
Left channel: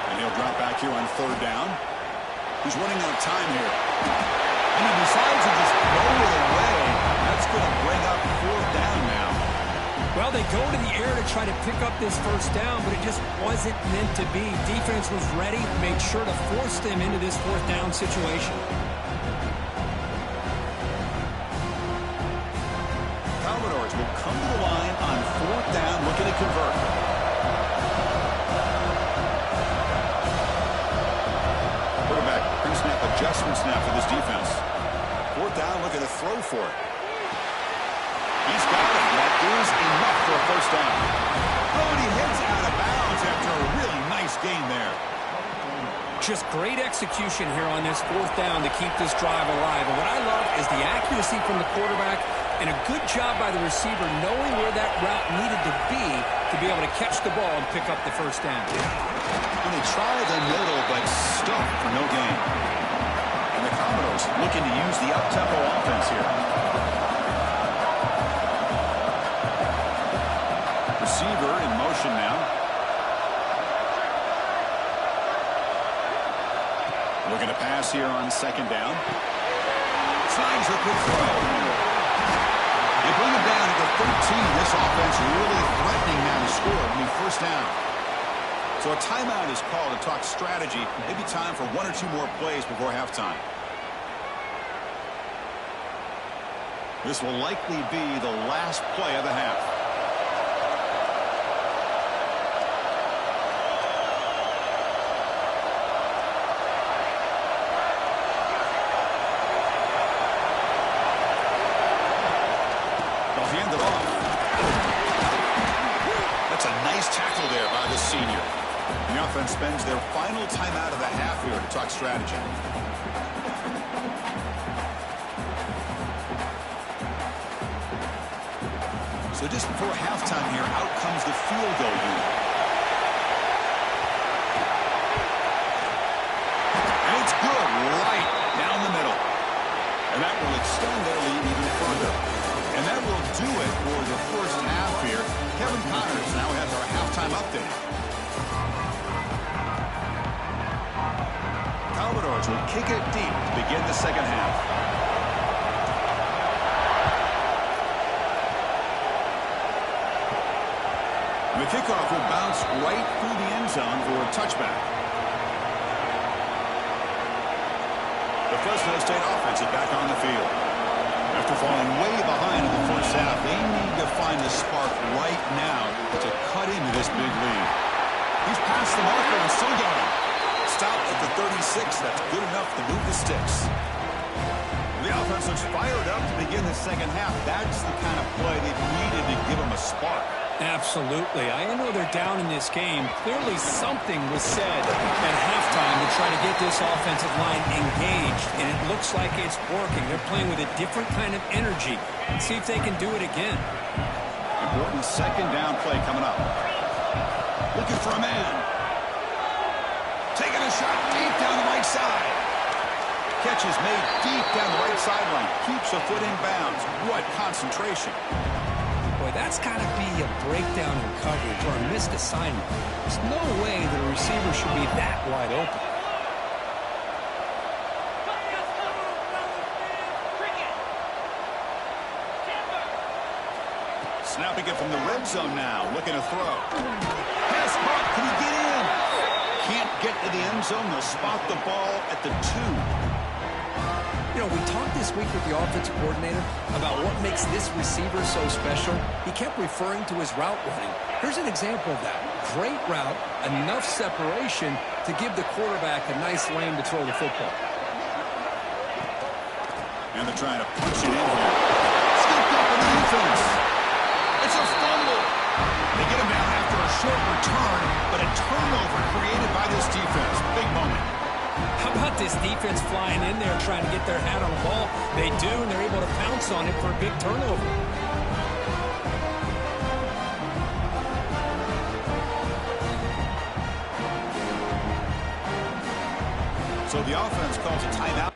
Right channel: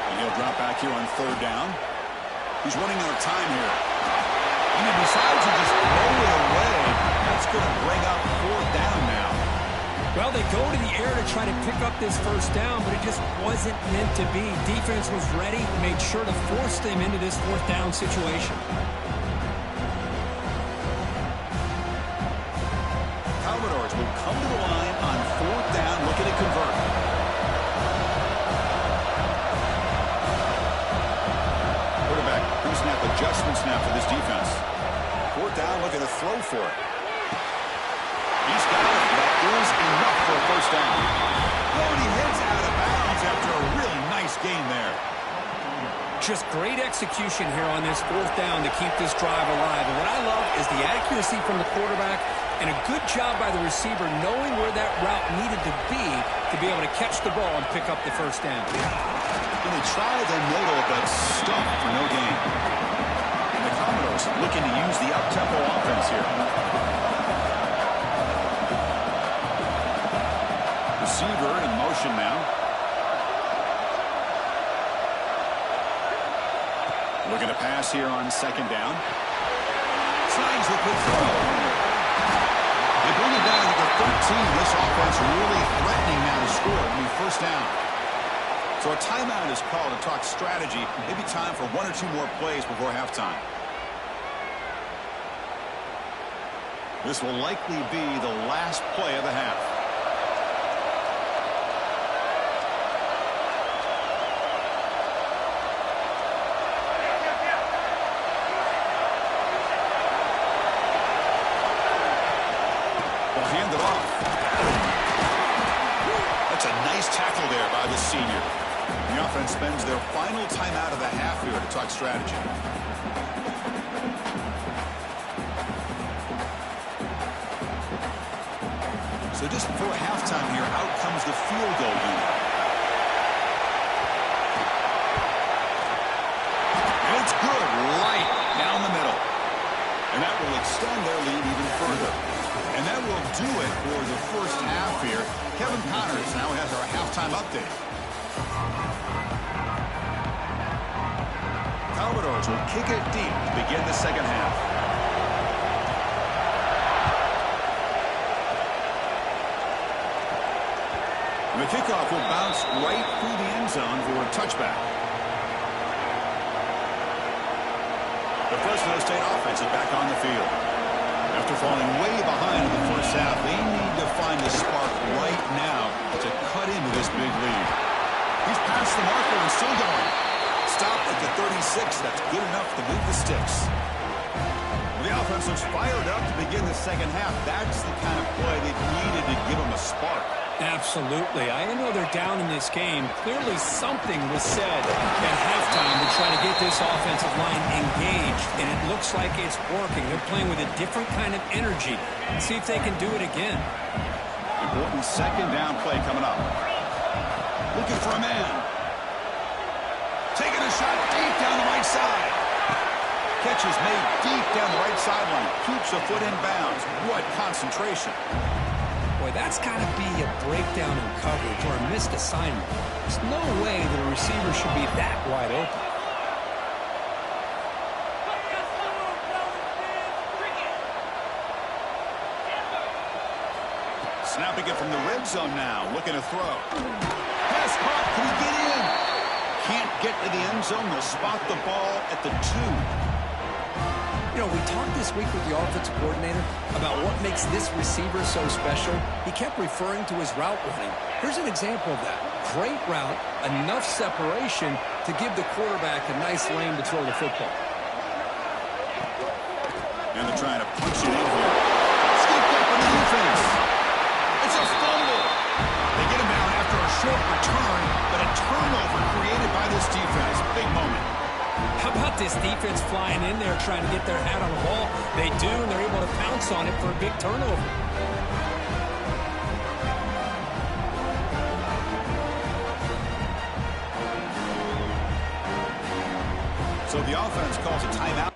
And he'll drop back here on third down. He's running out of time here. And he decides to just throw it away. That's going to bring up fourth down now. Well, they go to the air to try to pick up this first down, but it just wasn't meant to be. Defense was ready, made sure to force them into this fourth down situation. Commodores will come to the line on fourth down, looking to convert. Quarterback, pre-snap adjustment snap for this defense. Fourth down, looking to throw for it. He's got it. That is enough for a first down. Oh, and he heads out of bounds after a really nice gain there. Just great execution here on this fourth down to keep this drive alive. And what I love is the accuracy from the quarterback and a good job by the receiver knowing where that route needed to be able to catch the ball and pick up the first down. And they try the middle, but stuffed for no gain. And the Commodores looking to use the up-tempo offense here. Receiver in motion now. Looking to pass here on second down. Snags the quick throw. They bring it down to the 13. This offense really threatening now to score. It'll be first down. So a timeout is called to talk strategy. Maybe time for one or two more plays before halftime. This will likely be the last play of the half. Hand it off. A That's a nice tackle there by the senior. The offense spends their final timeout of the half here to talk strategy. So just before halftime here, out comes the field goal unit. And it's good, right down the middle. And that will extend their lead even further. And that will do it for the first half here. Kevin Connors now has our halftime update. Commodores will kick it deep to begin the second half. The kickoff will bounce right through the end zone for a touchback. The Fresno State offense is back on the field. After falling way behind in the first half, they need to find a spark right now to cut into this big lead. He's past the marker and still going. Stopped at the 36. That's good enough to move the sticks. The offense looks fired up to begin the second half. That's the kind of play they've needed to give them a spark. Absolutely. I know they're down in this game. Clearly something was said at halftime to try to get this offensive line engaged, and it looks like it's working. They're playing with a different kind of energy. Let's see if they can do it again. Important second down play coming up. Looking for a man. Taking a shot deep down the right side. Catch is made deep down the right sideline. Keeps a foot in bounds. What concentration. Boy, that's got to be a breakdown in coverage or a missed assignment. There's no way that a receiver should be that wide open. Snapping it from the red zone now. Looking to throw. Pass caught. Can he get in? Can't get to the end zone. They'll spot the ball at the 2. You know, we talked this week with the offensive coordinator about what makes this receiver so special. He kept referring to his route running. Here's an example of that. Great route, enough separation to give the quarterback a nice lane to throw the football. And they're trying to punch it in here. Scooped up in the defense. It's a fumble. They get him down after a short return, but a turnover created by this defense. Big moment. How about this defense flying in there trying to get their hat on the ball? They do, and they're able to pounce on it for a big turnover. So the offense calls a timeout.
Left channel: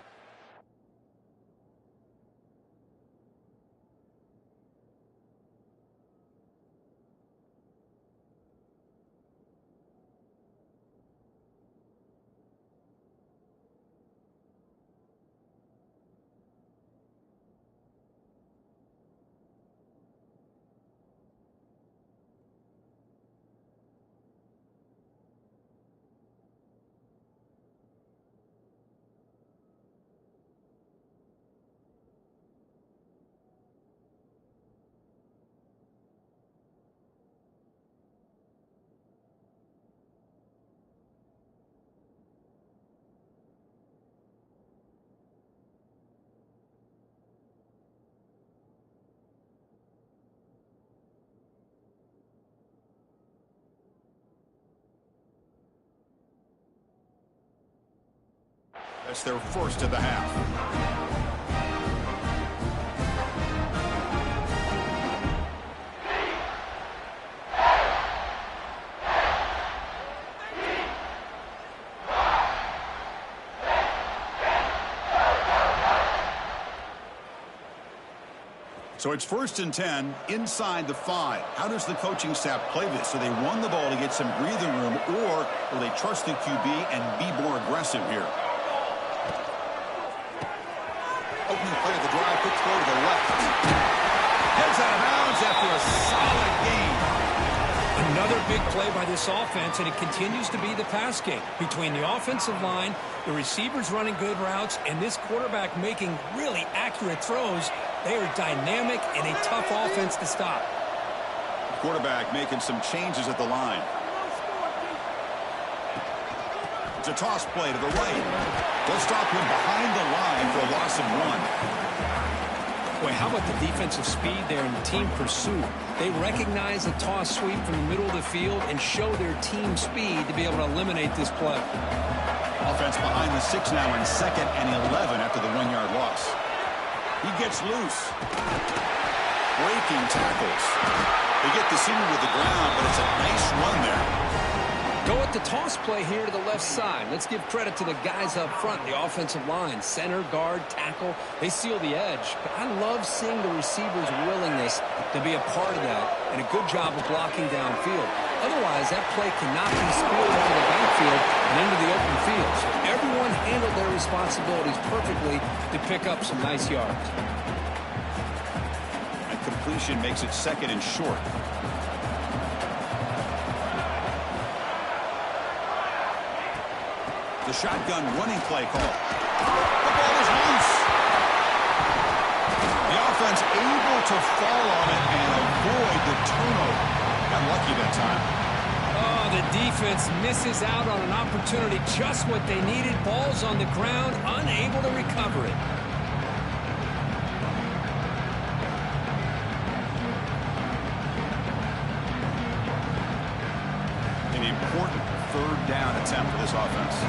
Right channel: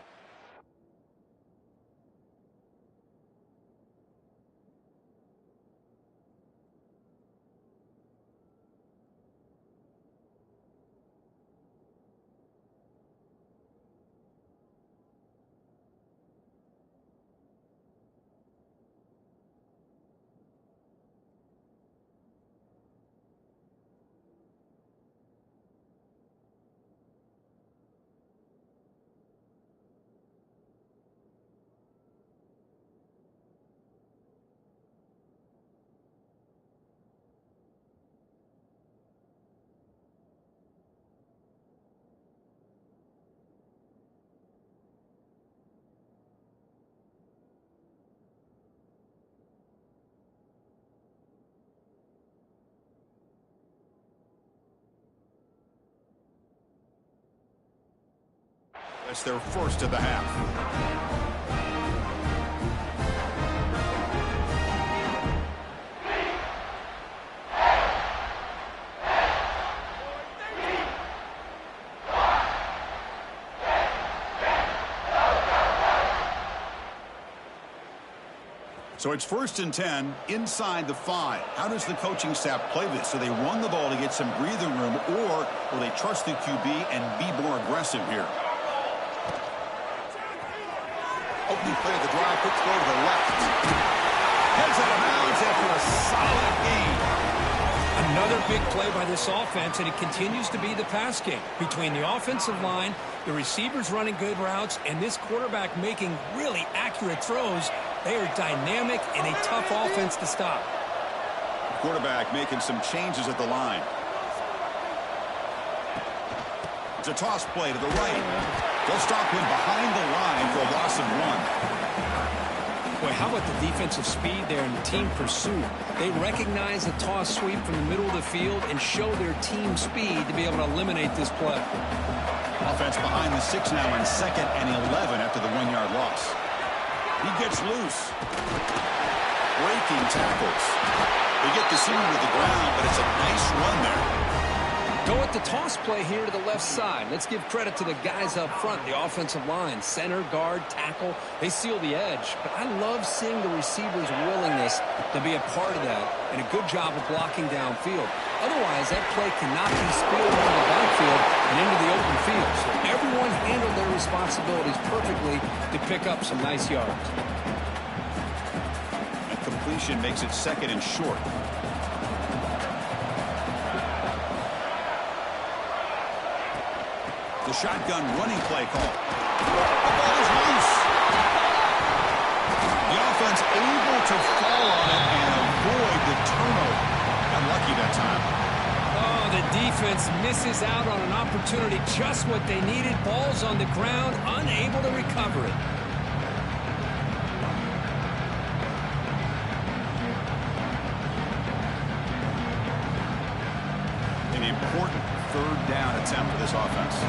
That's their first of the half. So it's 1st and 10 inside the 5. How does the coaching staff play this? So they run the ball to get some breathing room, or will they trust the QB and be more aggressive here? Opening play of the drive, quick throw to the left. Heads out of bounds after a solid gain. Another big play by this offense, and it continues to be the pass game. Between the offensive line, the receivers running good routes, and this quarterback making really accurate throws, they are dynamic and a tough offense to stop. The quarterback making some changes at the line. It's a toss play to the right. They'll stop him behind the line for a loss of 1. Boy, how about the defensive speed there and the team pursuit? They recognize the toss sweep from the middle of the field and show their team speed to be able to eliminate this play. Offense behind the 6 now in 2nd and 11 after the 1-yard loss. He gets loose. Breaking tackles. They get the senior to the ground, but it's a nice run there. Go with the toss play here to the left side. Let's give credit to the guys up front, the offensive line, center, guard, tackle. They seal the edge. But I love seeing the receivers' willingness to be a part of that and a good job of blocking downfield. Otherwise, that play cannot be spilled out of the backfield and into the open field. So everyone handled their responsibilities perfectly to pick up some nice yards. That completion makes it 2nd and short. The shotgun running play call. The ball is loose. The offense able to fall on it and avoid the turnover. Got lucky that time. Oh, the defense misses out on an opportunity, just what they needed. Ball's on the ground, unable to recover it. An important 3rd down attempt for this offense.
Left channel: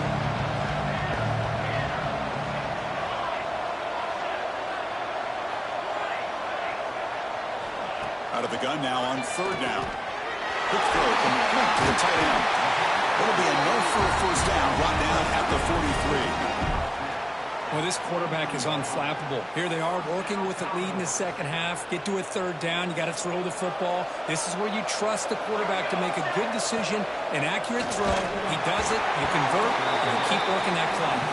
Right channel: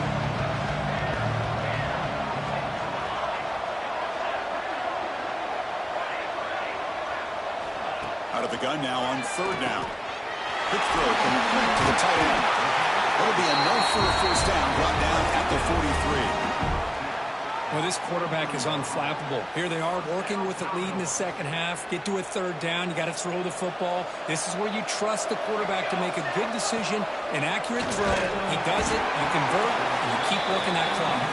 Out of the gun now on 3rd down. Quick throw complete to the tight end. It'll be enough for a 1st down, brought down at the 43. Well, this quarterback is unflappable. Here they are working with the lead in the 2nd half. Get to a 3rd down. You got to throw the football. This is where you trust the quarterback to make a good decision, an accurate throw. He does it, you convert, and you keep working that clock.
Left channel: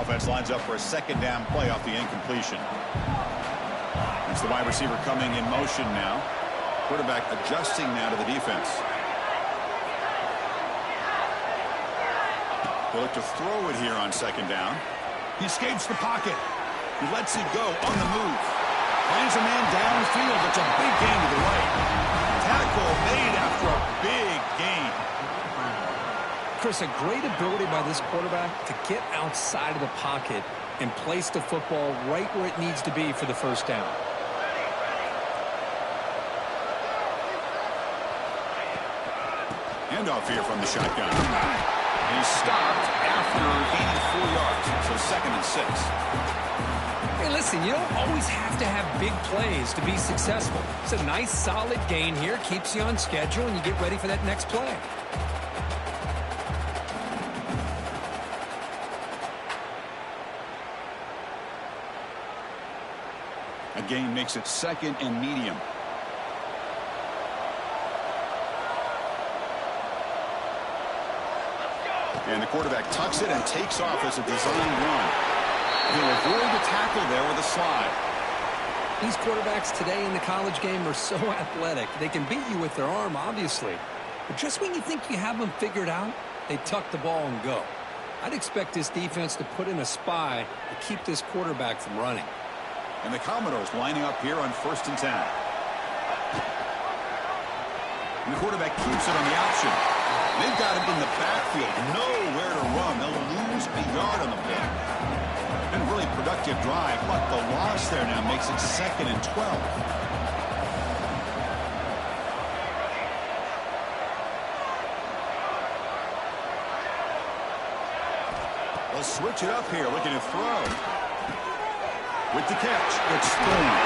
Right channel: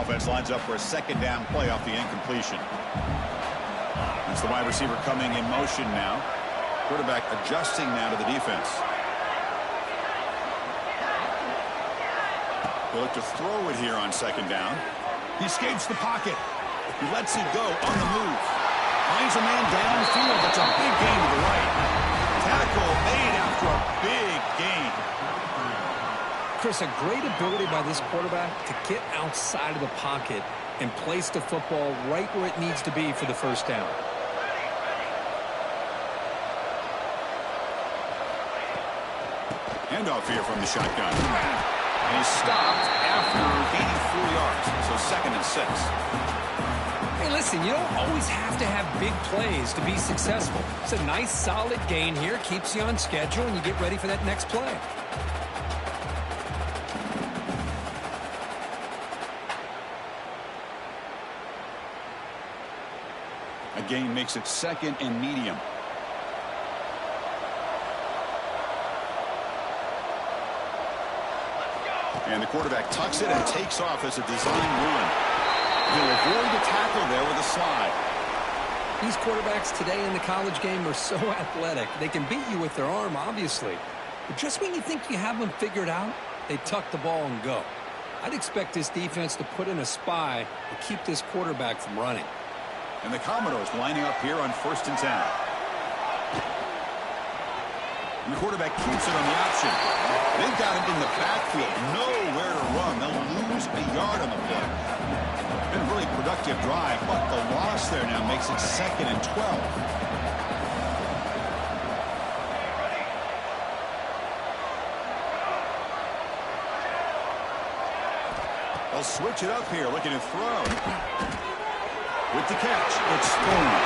Offense lines up for a 2nd down play off the incompletion. It's the wide receiver coming in motion now. Quarterback adjusting now to the defense. They look to throw it here on 2nd down. He escapes the pocket. He lets it go on the move. Finds a man downfield. That's a big gain to the right. Tackle made after a big gain. Chris, a great ability by this quarterback to get outside of the pocket and place the football right where it needs to be for the 1st down. Handoff here from the shotgun. And he's stopped after gaining 4 yards. So 2nd and 6. Hey, listen, you don't always have to have big plays to be successful. It's a nice, solid gain here. Keeps you on schedule, and you get ready for that next play. A gain makes it 2nd and medium. And the quarterback tucks it and takes off as a design run. He'll avoid the tackle there with a slide. These quarterbacks today in the college game are so athletic. They can beat you with their arm, obviously. But just when you think you have them figured out, they tuck the ball and go. I'd expect this defense to put in a spy to keep this quarterback from running. And the Commodores lining up here on 1st and 10. And the quarterback keeps it on the option. They've got him in the backfield. Nowhere to run. They'll lose a yard on the play. Been a really productive drive, but the loss there now makes it 2nd and 12. They'll switch it up here, looking to throw. With the catch, it's Thorne.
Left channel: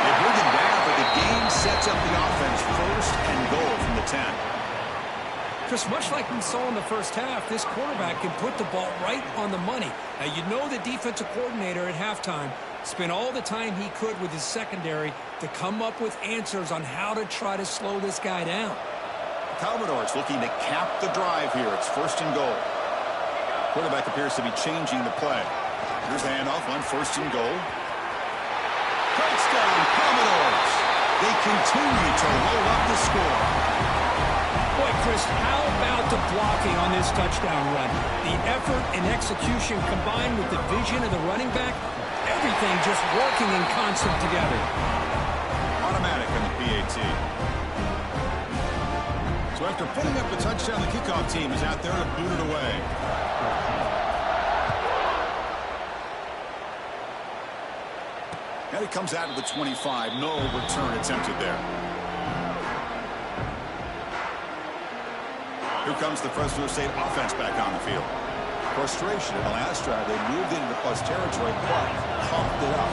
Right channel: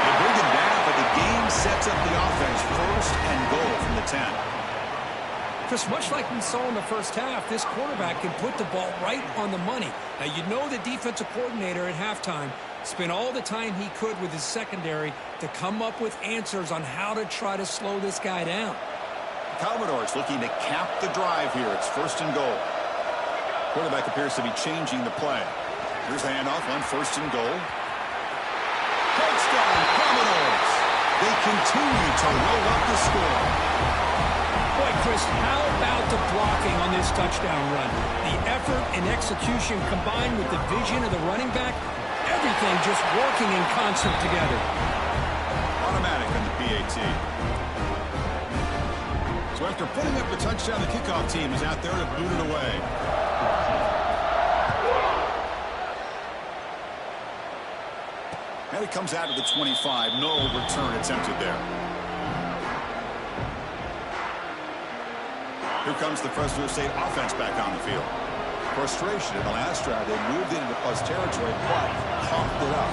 They bring him down, but the game sets up the offense 1st and goal from the 10. Chris, much like we saw in the 1st half, this quarterback can put the ball right on the money. Now, you know the defensive coordinator at halftime spent all the time he could with his secondary to come up with answers on how to try to slow this guy down. The Commodores looking to cap the drive here. It's 1st and goal. Quarterback appears to be changing the play. Here's the handoff on 1st and goal. Touchdown, Commodores. They continue to roll up the score. Boy, Chris, how about the blocking on this touchdown run? The effort and execution combined with the vision of the running back, everything just working in concert together. Automatic on the PAT. So after putting up the touchdown, the kickoff team is out there to boot it away. And it comes out to the 25. No return attempted there. Here comes the Fresno State offense back on the field. Frustration in the last drive. They moved into plus territory, but coughed it up.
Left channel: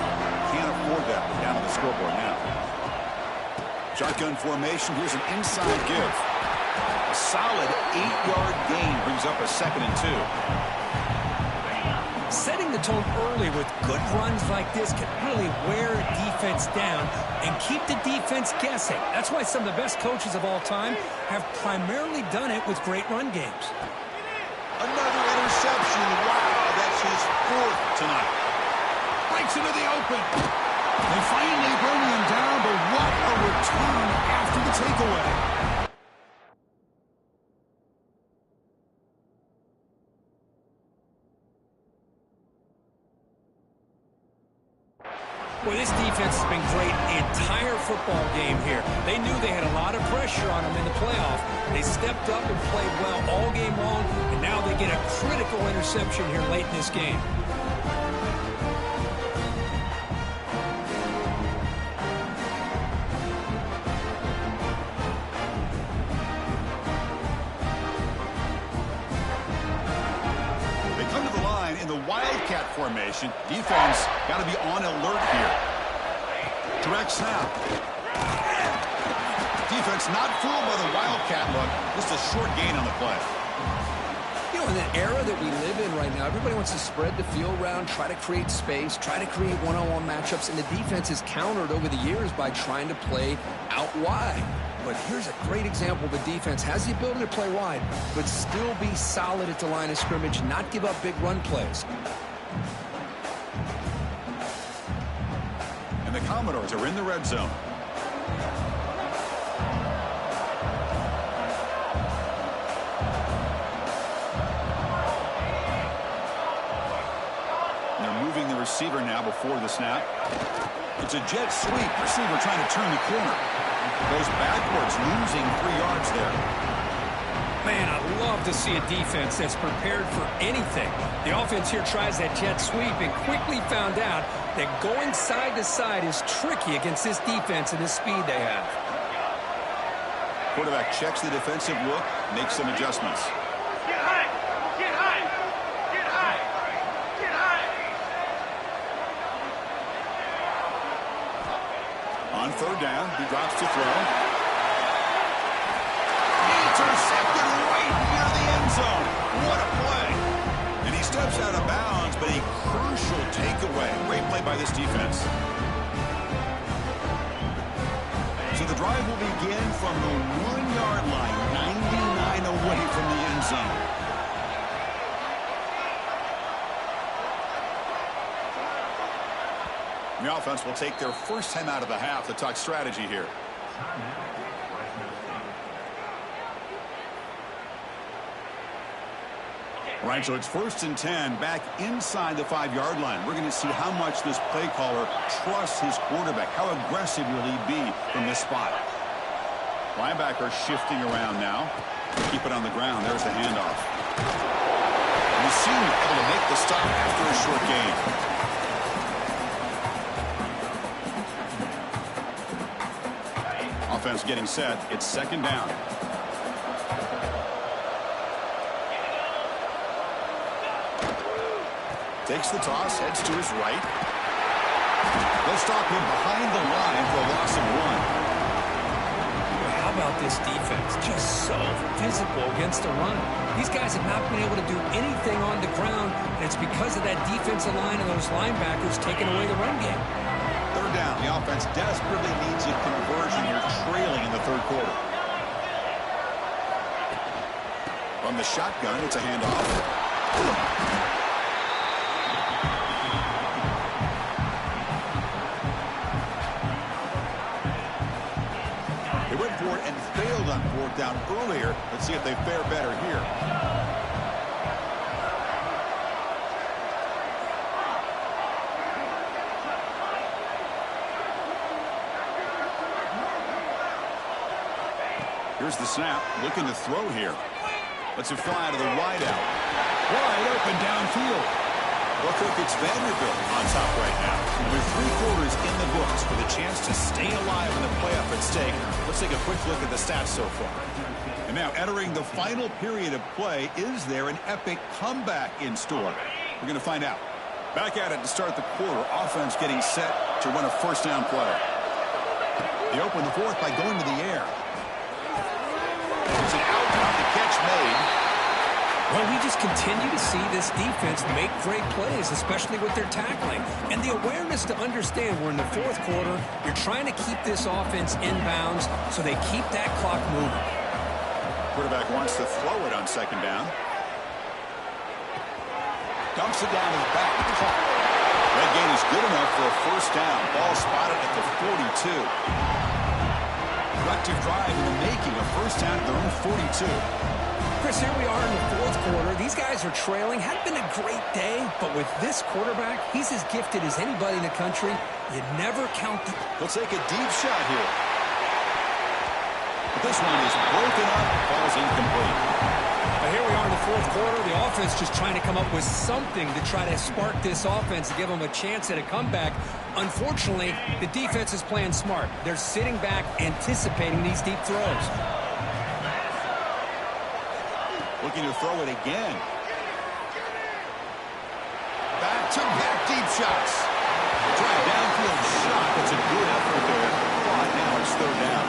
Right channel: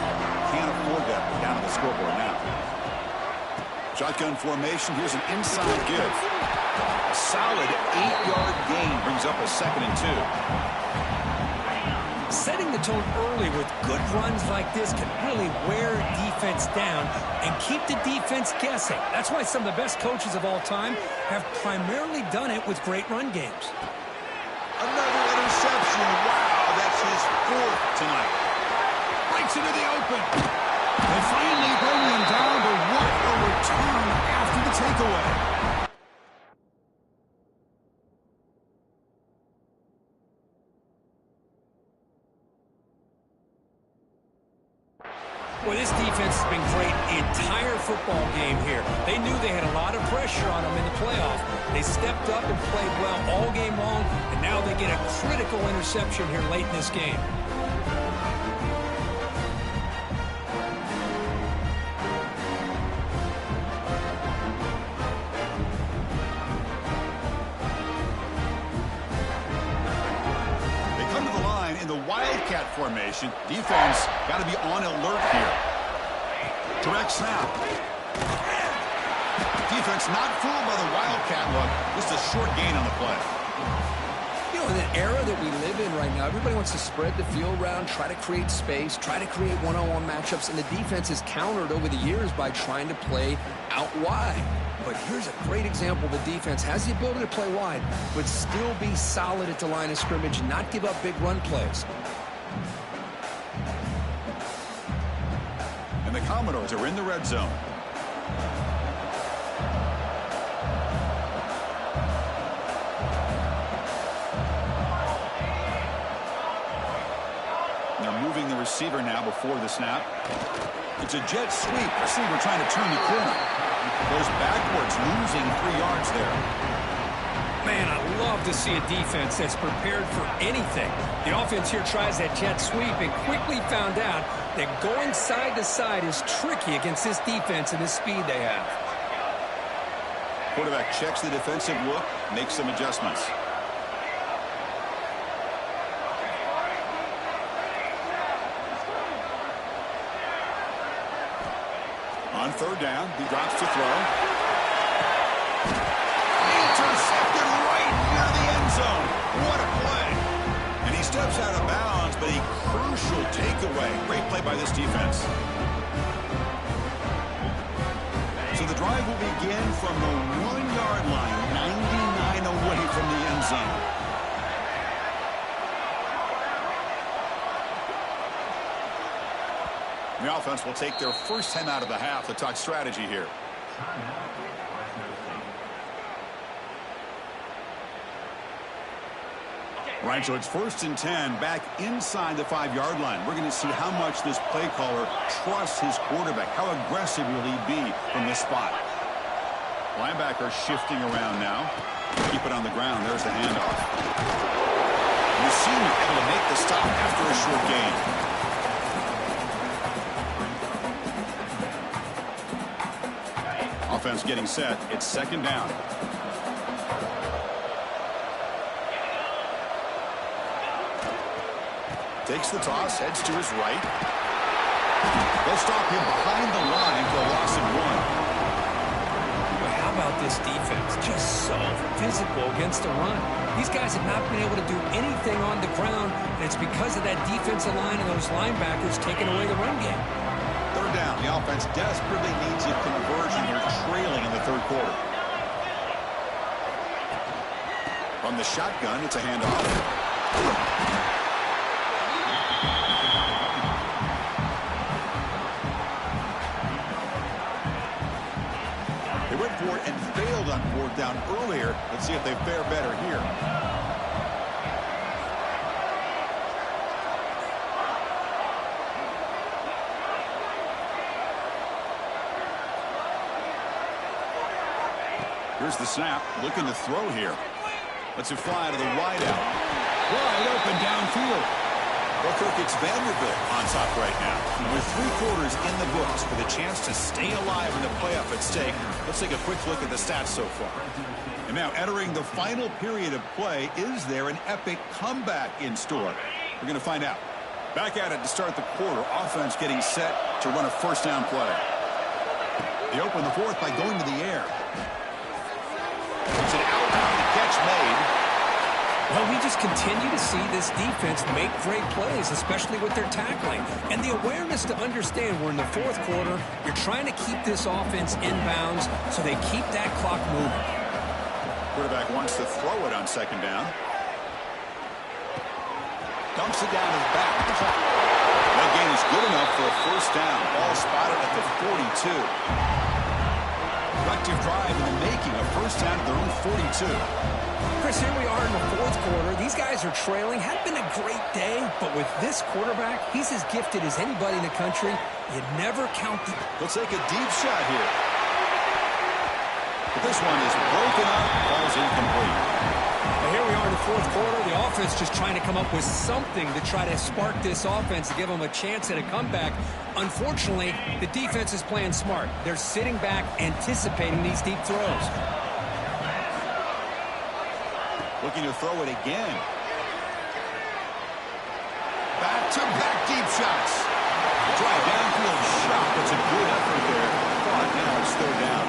Can't afford that. We're down on the scoreboard now. Shotgun formation. Here's an inside give. A solid 8-yard gain brings up a 2nd and 2. Setting the tone early with good runs like this can really wear defense down and keep the defense guessing. That's why some of the best coaches of all time have primarily done it with great run games. Another interception. Wow, that's his 4th tonight. Breaks into the open. They finally bring him down, but what a return after the takeaway. Well, this defense has been great the entire football game here. They knew they had a lot of pressure on them in the playoff. They stepped up and played well all game long, and now they get a critical interception here late in this game. In the Wildcat formation, defense got to be on alert here. Direct snap. Defense not fooled by the Wildcat look. Just a short gain on the play. You know, in the era that we live in right now, everybody wants to spread the field around, try to create space, try to create one-on-one matchups, and the defense is countered over the years by trying to play out wide. But here's a great example. The defense has the ability to play wide, but still be solid at the line of scrimmage, not give up big run plays. And the Commodores are in the red zone. And they're moving the receiver now before the snap. It's a jet sweep. Receiver trying to turn the corner. Goes backwards, losing 3 yards there. Man, I love to see a defense that's prepared for anything. The offense here tries that jet sweep and quickly found out that going side to side is tricky against this defense and the speed they have. Quarterback checks the defensive look, makes some adjustments. On 3rd down, he drops to throw. Intercepted right near the end zone. What a play. And he steps out of bounds, but a crucial takeaway. Great play by this defense. So the drive will begin from the 1-yard line, 99 away from the end zone. The offense will take their first time out of the half to talk strategy here. All right, so it's 1st and 10 back inside the 5-yard line. We're going to see how much this play caller trusts his quarterback. How aggressive will he be from this spot? Linebacker shifting around now. Keep it on the ground. There's the handoff. And the senior able to make the stop after a short gain. Offense getting set. It's 2nd down. Takes the toss, heads to his right. They'll stop him behind the line for a loss of 1. Well, how about this defense? Just so physical against the run. These guys have not been able to do anything on the ground, and it's because of that defensive line and those linebackers taking away the run game. 3rd down. The offense desperately needs a conversion here, trailing in the 3rd quarter. From the shotgun, it's a handoff. They went for it and failed on 4th down earlier. Let's see if they fare better here. Here's the snap. Looking to throw here. Lets it fly to the wideout. Wide open downfield. Well, Kirk, it's Vanderbilt on top right now. With 3 quarters in the books with a chance to stay alive in the playoff at stake, let's take a quick look at the stats so far. And now entering the final period of play, is there an epic comeback in store? We're going to find out. Back at it to start the quarter. Offense getting set to run a first down play. They open the fourth by going to the air. It's an outbound. The catch made. Well, we just continue to see this defense make great plays, especially with their tackling. And the awareness to understand we're in the fourth quarter, you're trying to keep this offense inbounds so they keep that clock moving. Quarterback wants to throw it on second down. Dumps it down to the back. That gain is good enough for a first down. Ball spotted at the 42. Productive drive in the making. A first down at their own 42. Chris, here we are in the fourth quarter. These guys are trailing. Hadn't been a great day, but with this quarterback, he's as gifted as anybody in the country. You never count the... They'll take a deep shot here. But this one is broken up, falls incomplete. But here we are in the fourth quarter. The offense just trying to come up with something to try to spark this offense to give them a chance at a comeback. Unfortunately, the defense is playing smart. They're sitting back, anticipating these deep throws. Looking to throw it again. Back-to-back deep shots. Try a downfield shot. That's a good effort there. But now it's third down.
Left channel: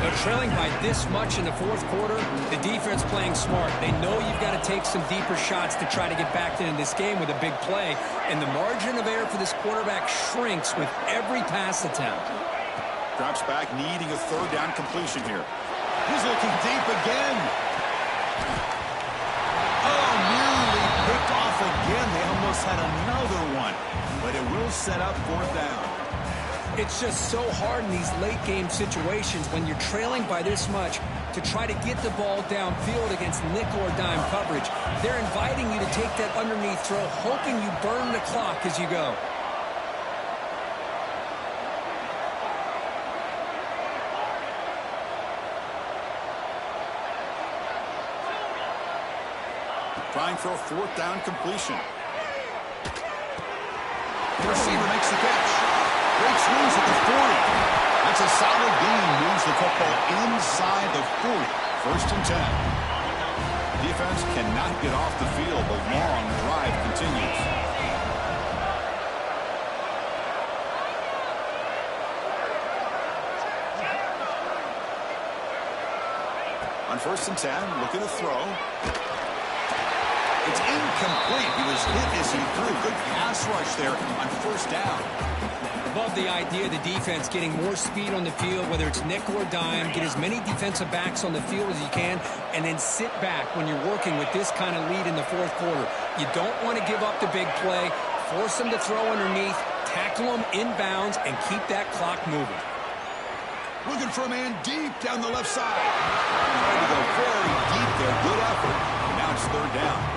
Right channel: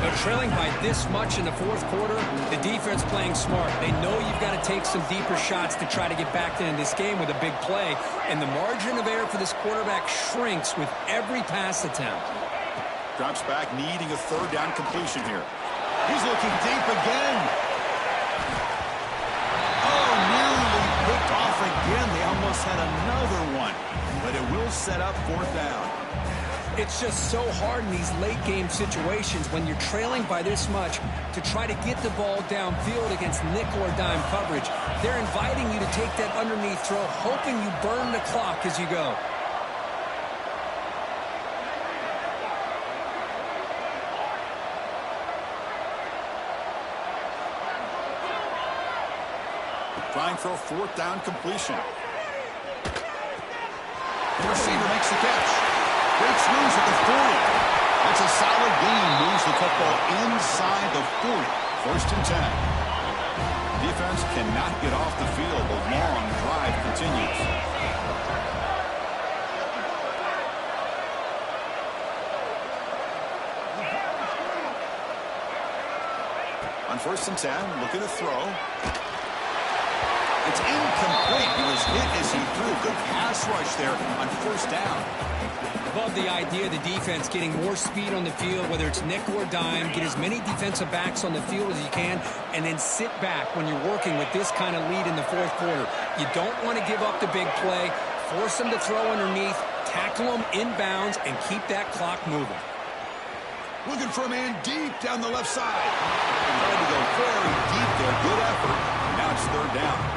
They're trailing by this much in the fourth quarter. The defense playing smart. They know you've got to take some deeper shots to try to get back in this game with a big play. And the margin of error for this quarterback shrinks with every pass attempt. Drops back, needing a third down completion here. He's looking deep again. Oh, nearly picked off again. They almost had another one. But it will set up fourth down. It's just so hard in these late-game situations when you're trailing by this much to try to get the ball downfield against nickel or dime coverage. They're inviting you to take that underneath throw, hoping you burn the clock as you go. Trying for a fourth down completion. The receiver makes the catch. Breaks loose at the 40. That's a solid gain. Moves the football inside the 40. First and 10. Defense cannot get off the field. The long drive continues. On first and 10, looking to throw. It's incomplete. He was hit as he threw. Good pass rush there on first down. Love the idea of the defense getting more speed on the field, whether it's nickel or dime, get as many defensive backs on the field as you can, and then sit back when you're working with this kind of lead in the fourth quarter. You don't want to give up the big play, force them to throw underneath, tackle them inbounds, and keep that clock moving. Looking for a man deep down the left side. Trying to go very deep there. Good effort. Now it's third down.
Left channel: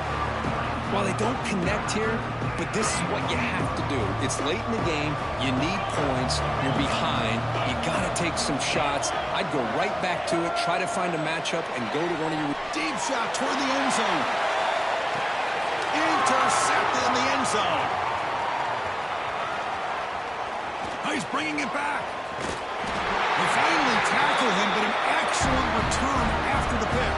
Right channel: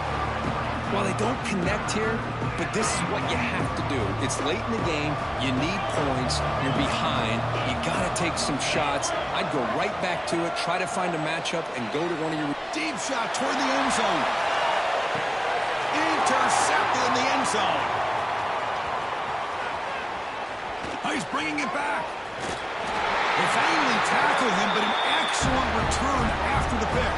Well, they don't connect here, but this is what you have to do. It's late in the game. You need points. You're behind. You got to take some shots. I'd go right back to it, try to find a matchup, and go to one of your... Deep shot toward the end zone. Intercepted in the end zone. Oh, he's bringing it back. They finally tackle him, but an excellent return after the pick.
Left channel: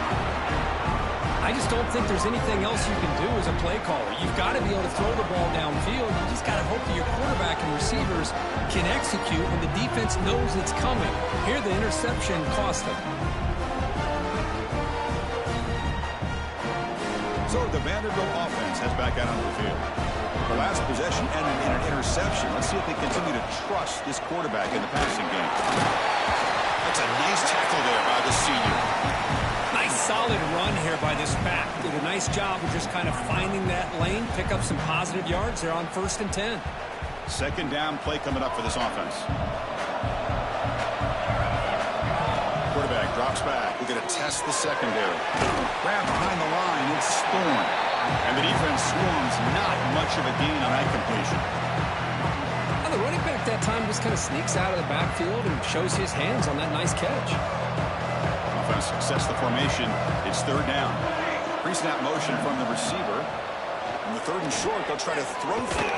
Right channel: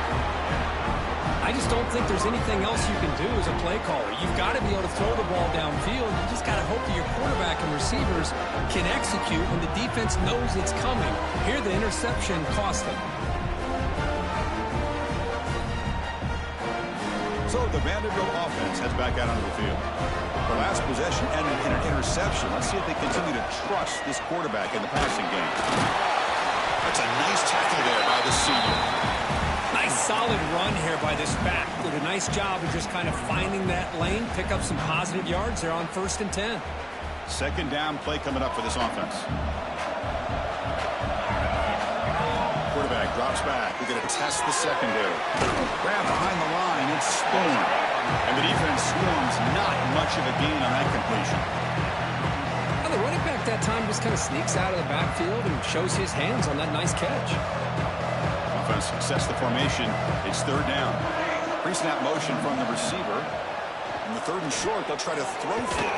I just don't think there's anything else you can do as a play caller. You've got to be able to throw the ball downfield. You just got to hope that your quarterback and receivers can execute when the defense knows it's coming. Here, the interception cost them. So the Vanderbilt offense heads back out onto the field. The last possession ended in an interception. Let's see if they continue to trust this quarterback in the passing game. That's a nice tackle there by the senior. Nice solid run here by this back. Did a nice job of just kind of finding that lane, pick up some positive yards there on first and 10. Second down play coming up for this offense. Quarterback drops back. We're going to test the secondary. Grab behind the line. It's Thorne. And the defense swarms. Not much of a gain on that completion. Well, the running back that time just kind of sneaks out of the backfield and shows his hands on that nice catch. offense sets the formation. It's third down. Pre-snap motion from the receiver. In the third and short, they'll try to throw for it.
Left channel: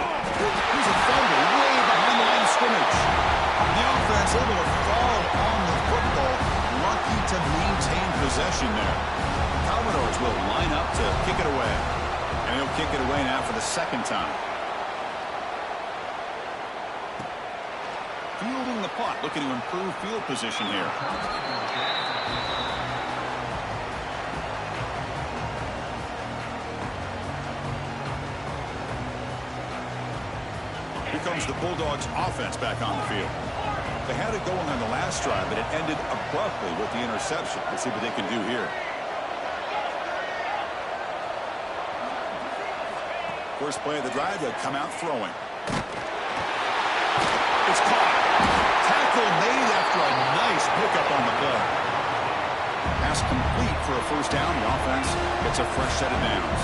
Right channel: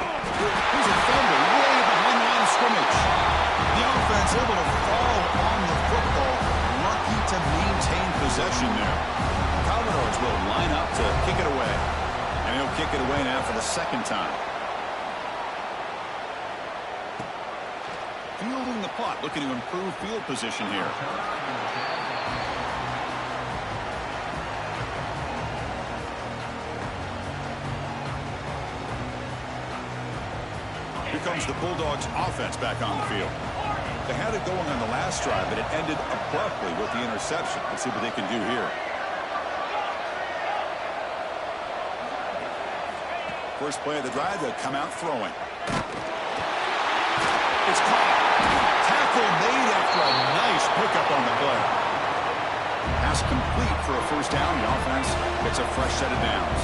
Here's a fumble way behind the line of scrimmage. The offense able to fall on the football. Lucky to maintain possession there. Commodores will line up to kick it away. And he'll kick it away now for the second time. Fielding the punt, looking to improve field position here. Here comes the Bulldogs offense back on the field. They had it going on the last drive, but it ended abruptly with the interception. Let's see what they can do here. First play of the drive, they'll come out throwing. It's caught. Tackle made after a nice pickup on the play. Pass complete for a first down. The offense gets a fresh set of downs.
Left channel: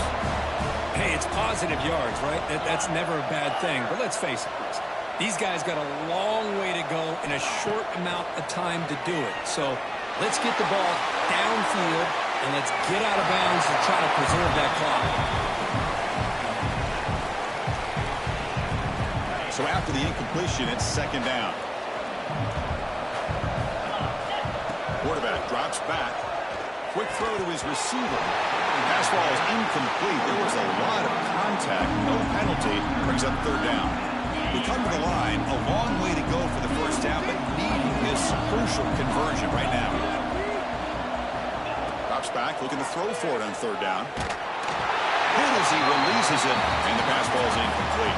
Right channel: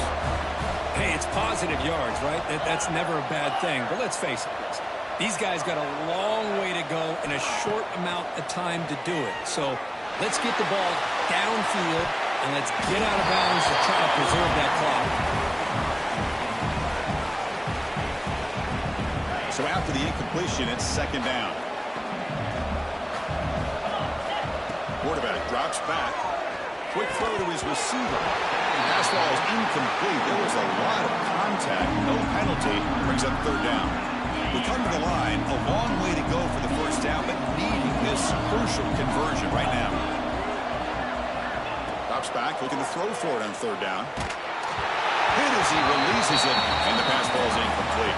Hey, it's positive yards, right? That's never a bad thing. But let's face it, Chris. These guys got a long way to go in a short amount of time to do it. So let's get the ball downfield and let's get out of bounds to try to preserve that clock. So after the incompletion, it's second down. Quarterback drops back. Quick throw to his receiver. Pass ball is incomplete. There was a lot of contact. No penalty. Brings up third down. We come to the line. A long way to go for the first down, but needing this crucial conversion right now. Drops back, looking to throw for it on third down. Hit as he releases it, and the pass ball is incomplete.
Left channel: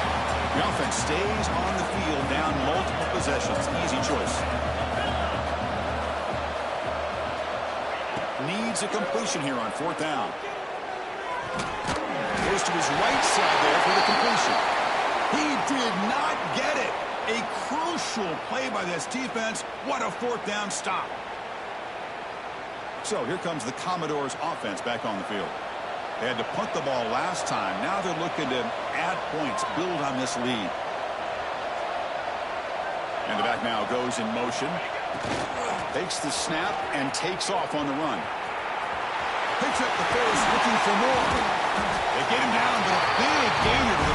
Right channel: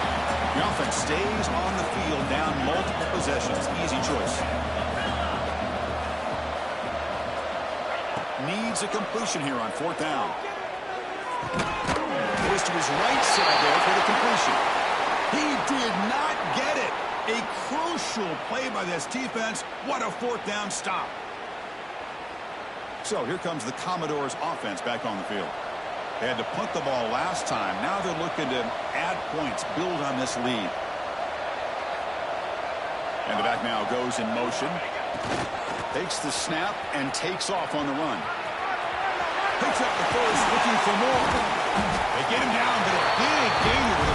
The offense stays on the field, down multiple possessions. Easy choice. Needs a completion here on fourth down. Goes to his right side there for the completion. He did not get it. A crucial play by this defense. What a fourth down stop. So here comes the Commodores offense back on the field. They had to punt the ball last time. Now they're looking to add points, build on this lead. And the back now goes in motion. Takes the snap and takes off on the run. Picks up the first, looking for more. They get him down, but a big gainer to the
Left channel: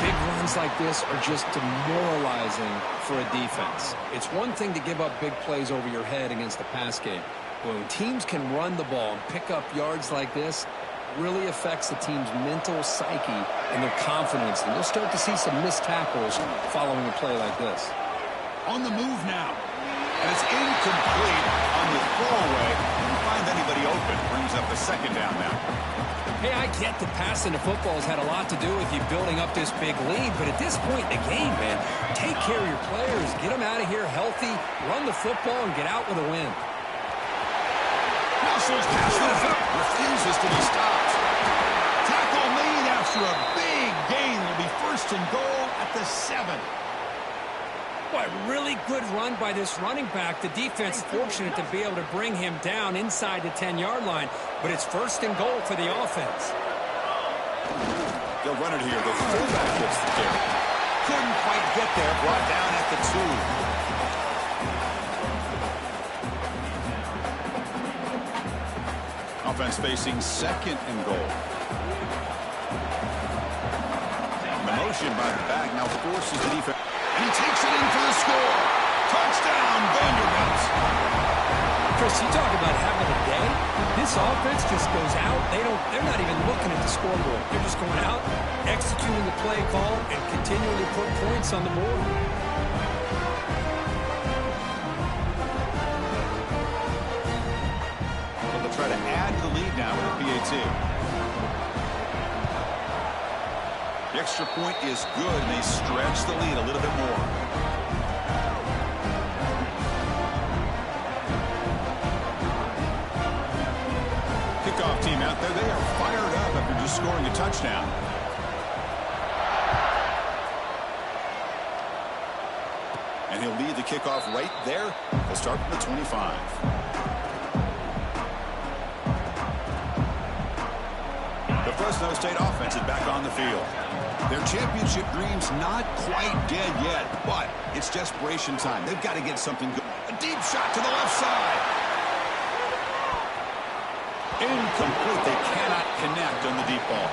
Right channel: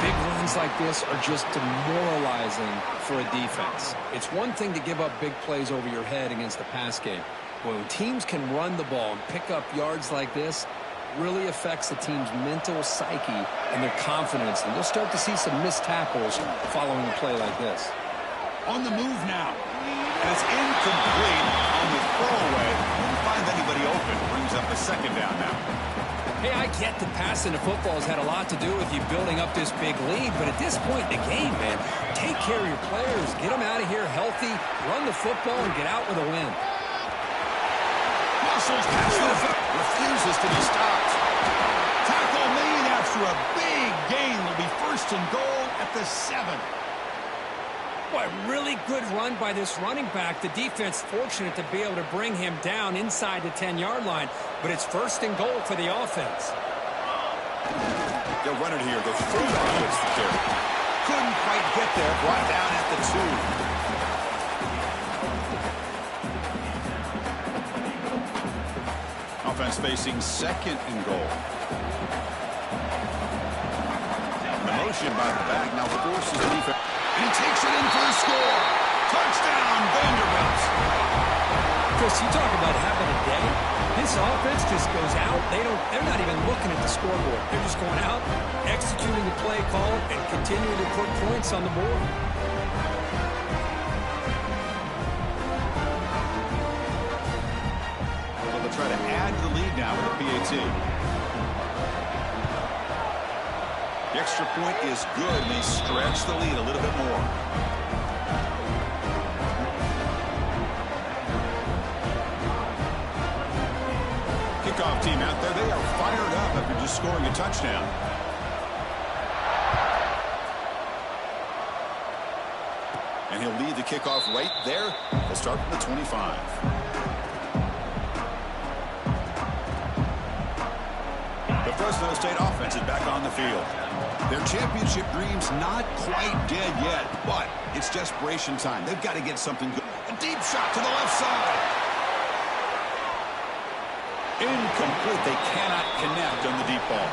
42. Big runs like this are just demoralizing for a defense. It's one thing to give up big plays over your head against the pass game. When teams can run the ball and pick up yards like this, really affects the team's mental psyche and their confidence. And you'll start to see some missed tackles following a play like this. On the move now. And it's incomplete on the throwaway. Didn't find anybody open. Brings up a second down now. Hey, I get that passing the football has had a lot to do with you building up this big lead, but at this point in the game, man, take care of your players. Get them out of here healthy, run the football, and get out with a win. Muscles past the refuses to be stopped. Tackle made after a big gain. Will be first and goal at the 7. Boy, really good run by this running back. The defense fortunate to be able to bring him down inside the 10-yard line, but it's first and goal for the offense. They'll run it here. The fullback gets the carry. Couldn't quite get there. Brought down at the 2. Offense facing second and goal. And the motion by the back now forces the defense. And he takes it in for the score. Touchdown, Vanderbilt. Chris, you talk about having a day. This offense just goes out. They're not even looking at the scoreboard. They're just going out, executing the play call, and continuing to put points on the board. So they'll try to add to the lead now with a PAT. The extra point is good, and they stretch the lead a little bit more. Kickoff team out there. They are fired up after just scoring a touchdown. And he'll lead the kickoff right there. They'll start from the 25. The fresNo State offense is back on the field. Their championship dreams not quite dead yet, but it's desperation time. They've got to get something good. A deep shot to the left side. Incomplete. They cannot connect on the deep ball.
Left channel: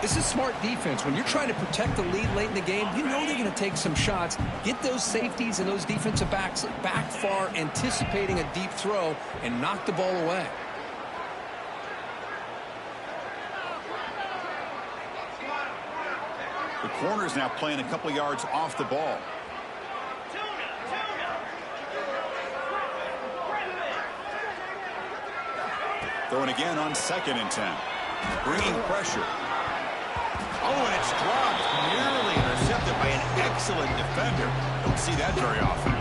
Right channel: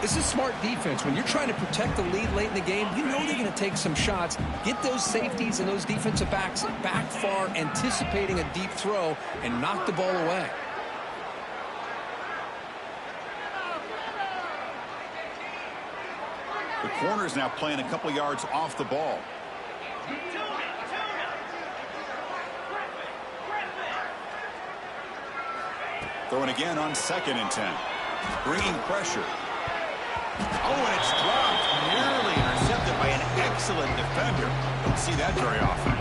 This is smart defense. When you're trying to protect the lead late in the game, you know they're going to take some shots. Get those safeties and those defensive backs back far, anticipating a deep throw, and knock the ball away. The corner's now playing a couple yards off the ball. Throwing again on 2nd and 10. Bringing pressure. Oh, and it's dropped. Nearly intercepted by an excellent defender. Don't see that very often.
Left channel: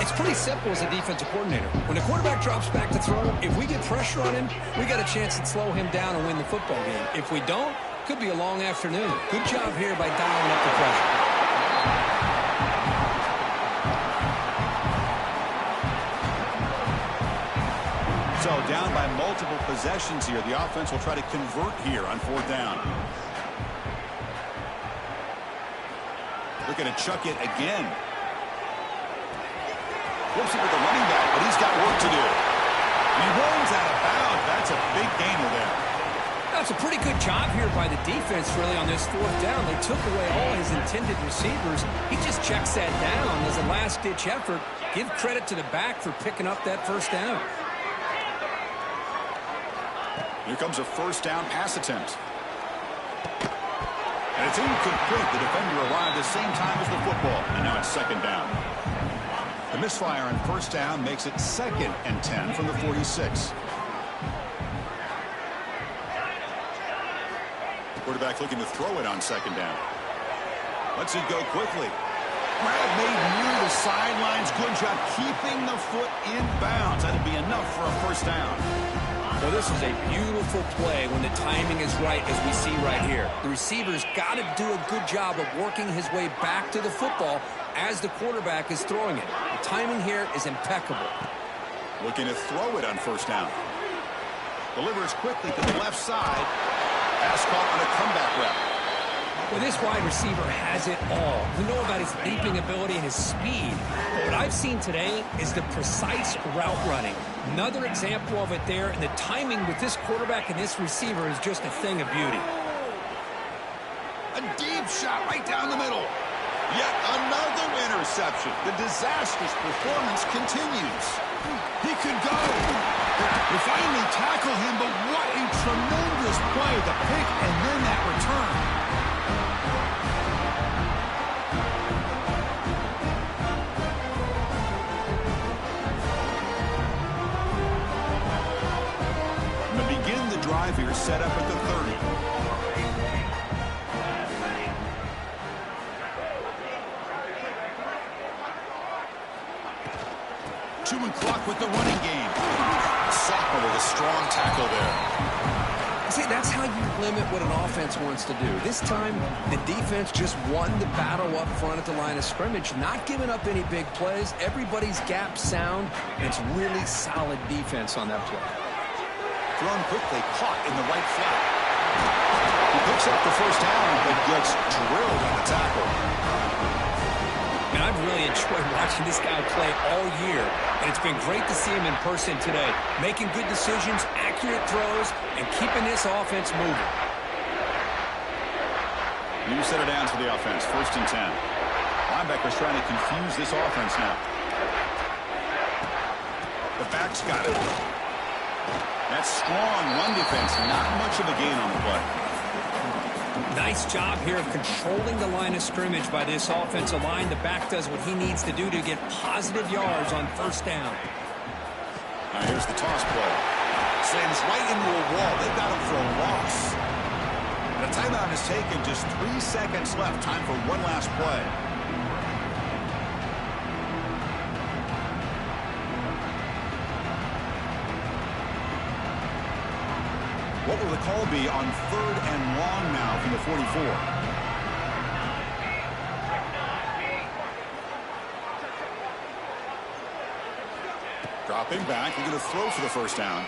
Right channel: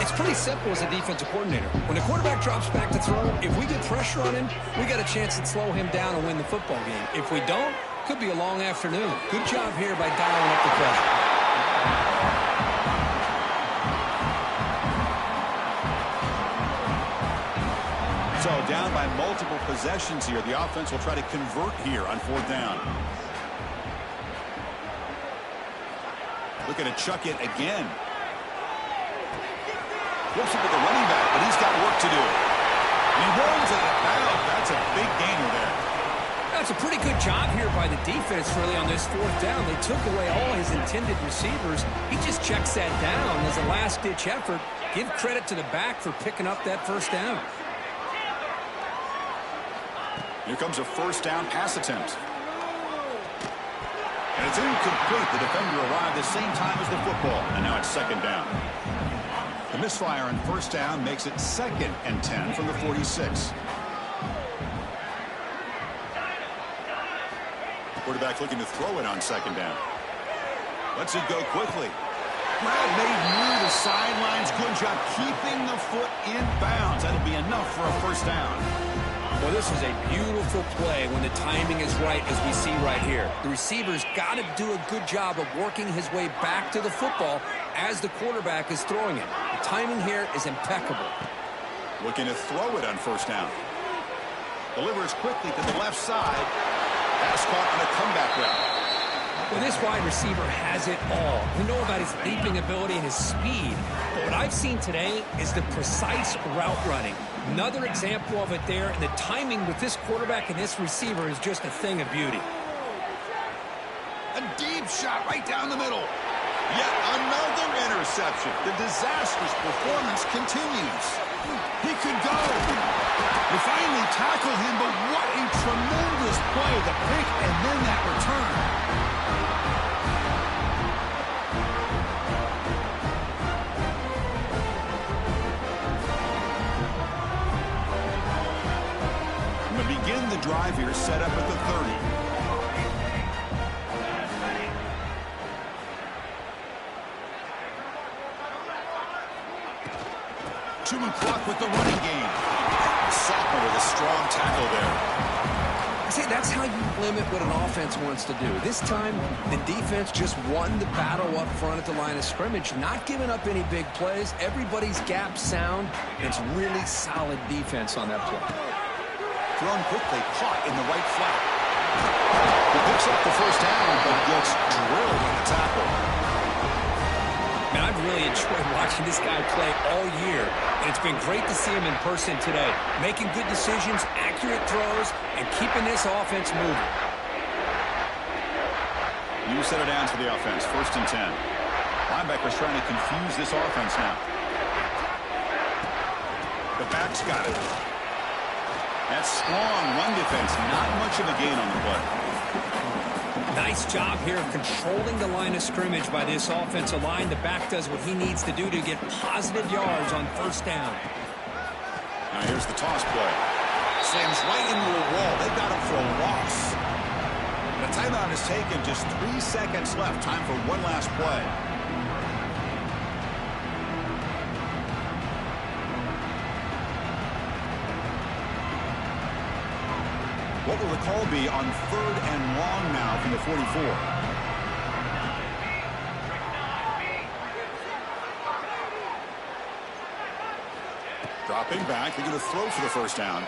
It's pretty simple as a defensive coordinator. When the quarterback drops back to throw, if we get pressure on him, we got a chance to slow him down and win the football game. If we don't, could be a long afternoon. Good job here by dialing up the pressure. So down by multiple possessions here. The offense will try to convert here on 4th down. Looking to chuck it again. Flips it with the running back, but he's got work to do. And he runs out of bounds. That's a big gainer there. That's a pretty good job here by the defense, really, on this 4th down. They took away all his intended receivers. He just checks that down as a last-ditch effort. Give credit to the back for picking up that 1st down. Here comes a 1st down pass attempt. And it's incomplete. The defender arrived the same time as the football. And now it's 2nd down. The misfire on 1st down makes it 2nd and 10 from the 46. Quarterback looking to throw it on 2nd down. Lets it go quickly. Grab made near the sidelines. Good job keeping the foot in bounds. That'll be enough for a 1st down. Well, this is a beautiful play when the timing is right, as we see right here. The receiver's got to do a good job of working his way back to the football as the quarterback is throwing it. The timing here is impeccable. Looking to throw it on 1st down. Delivers quickly to the left side. Pass caught on a comeback route. Well, this wide receiver has it all. We know about his leaping ability and his speed. But what I've seen today is the precise route running. Another example of it there, and the timing with this quarterback and this receiver is just a thing of beauty. A deep shot right down the middle. Yet another interception. The disastrous performance continues. He could go. They finally tackle him, but what a tremendous play. The pick and then that return. Begin the drive here, set up at the 30. Chewing clock with the running game. Sophomore with a strong tackle there. I say that's how you limit what an offense wants to do. This time, the defense just won the battle up front at the line of scrimmage, not giving up any big plays. Everybody's gap sound, and it's really solid defense on that play. Thrown quickly, caught in the right flat. He picks up the 1st down, but gets drilled on the tackle. Man, I've really enjoyed watching this guy play all year, and it's been great to see him in person today, making good decisions, accurate throws, and keeping this offense moving. New set of downs for the offense, 1st and 10. Linebackers trying to confuse this offense now. The back's got it. That strong run defense, not much of a gain on the play. Nice job here of controlling the line of scrimmage by this offensive line. The back does what he needs to do to get positive yards on 1st down. Now here's the toss play. Slams right into a wall. They've got him for a loss. And a timeout is taken. Just 3 seconds left. Time for one last play. What will the call be on 3rd and long now from the 44? Dropping back. They're going to throw for the 1st down.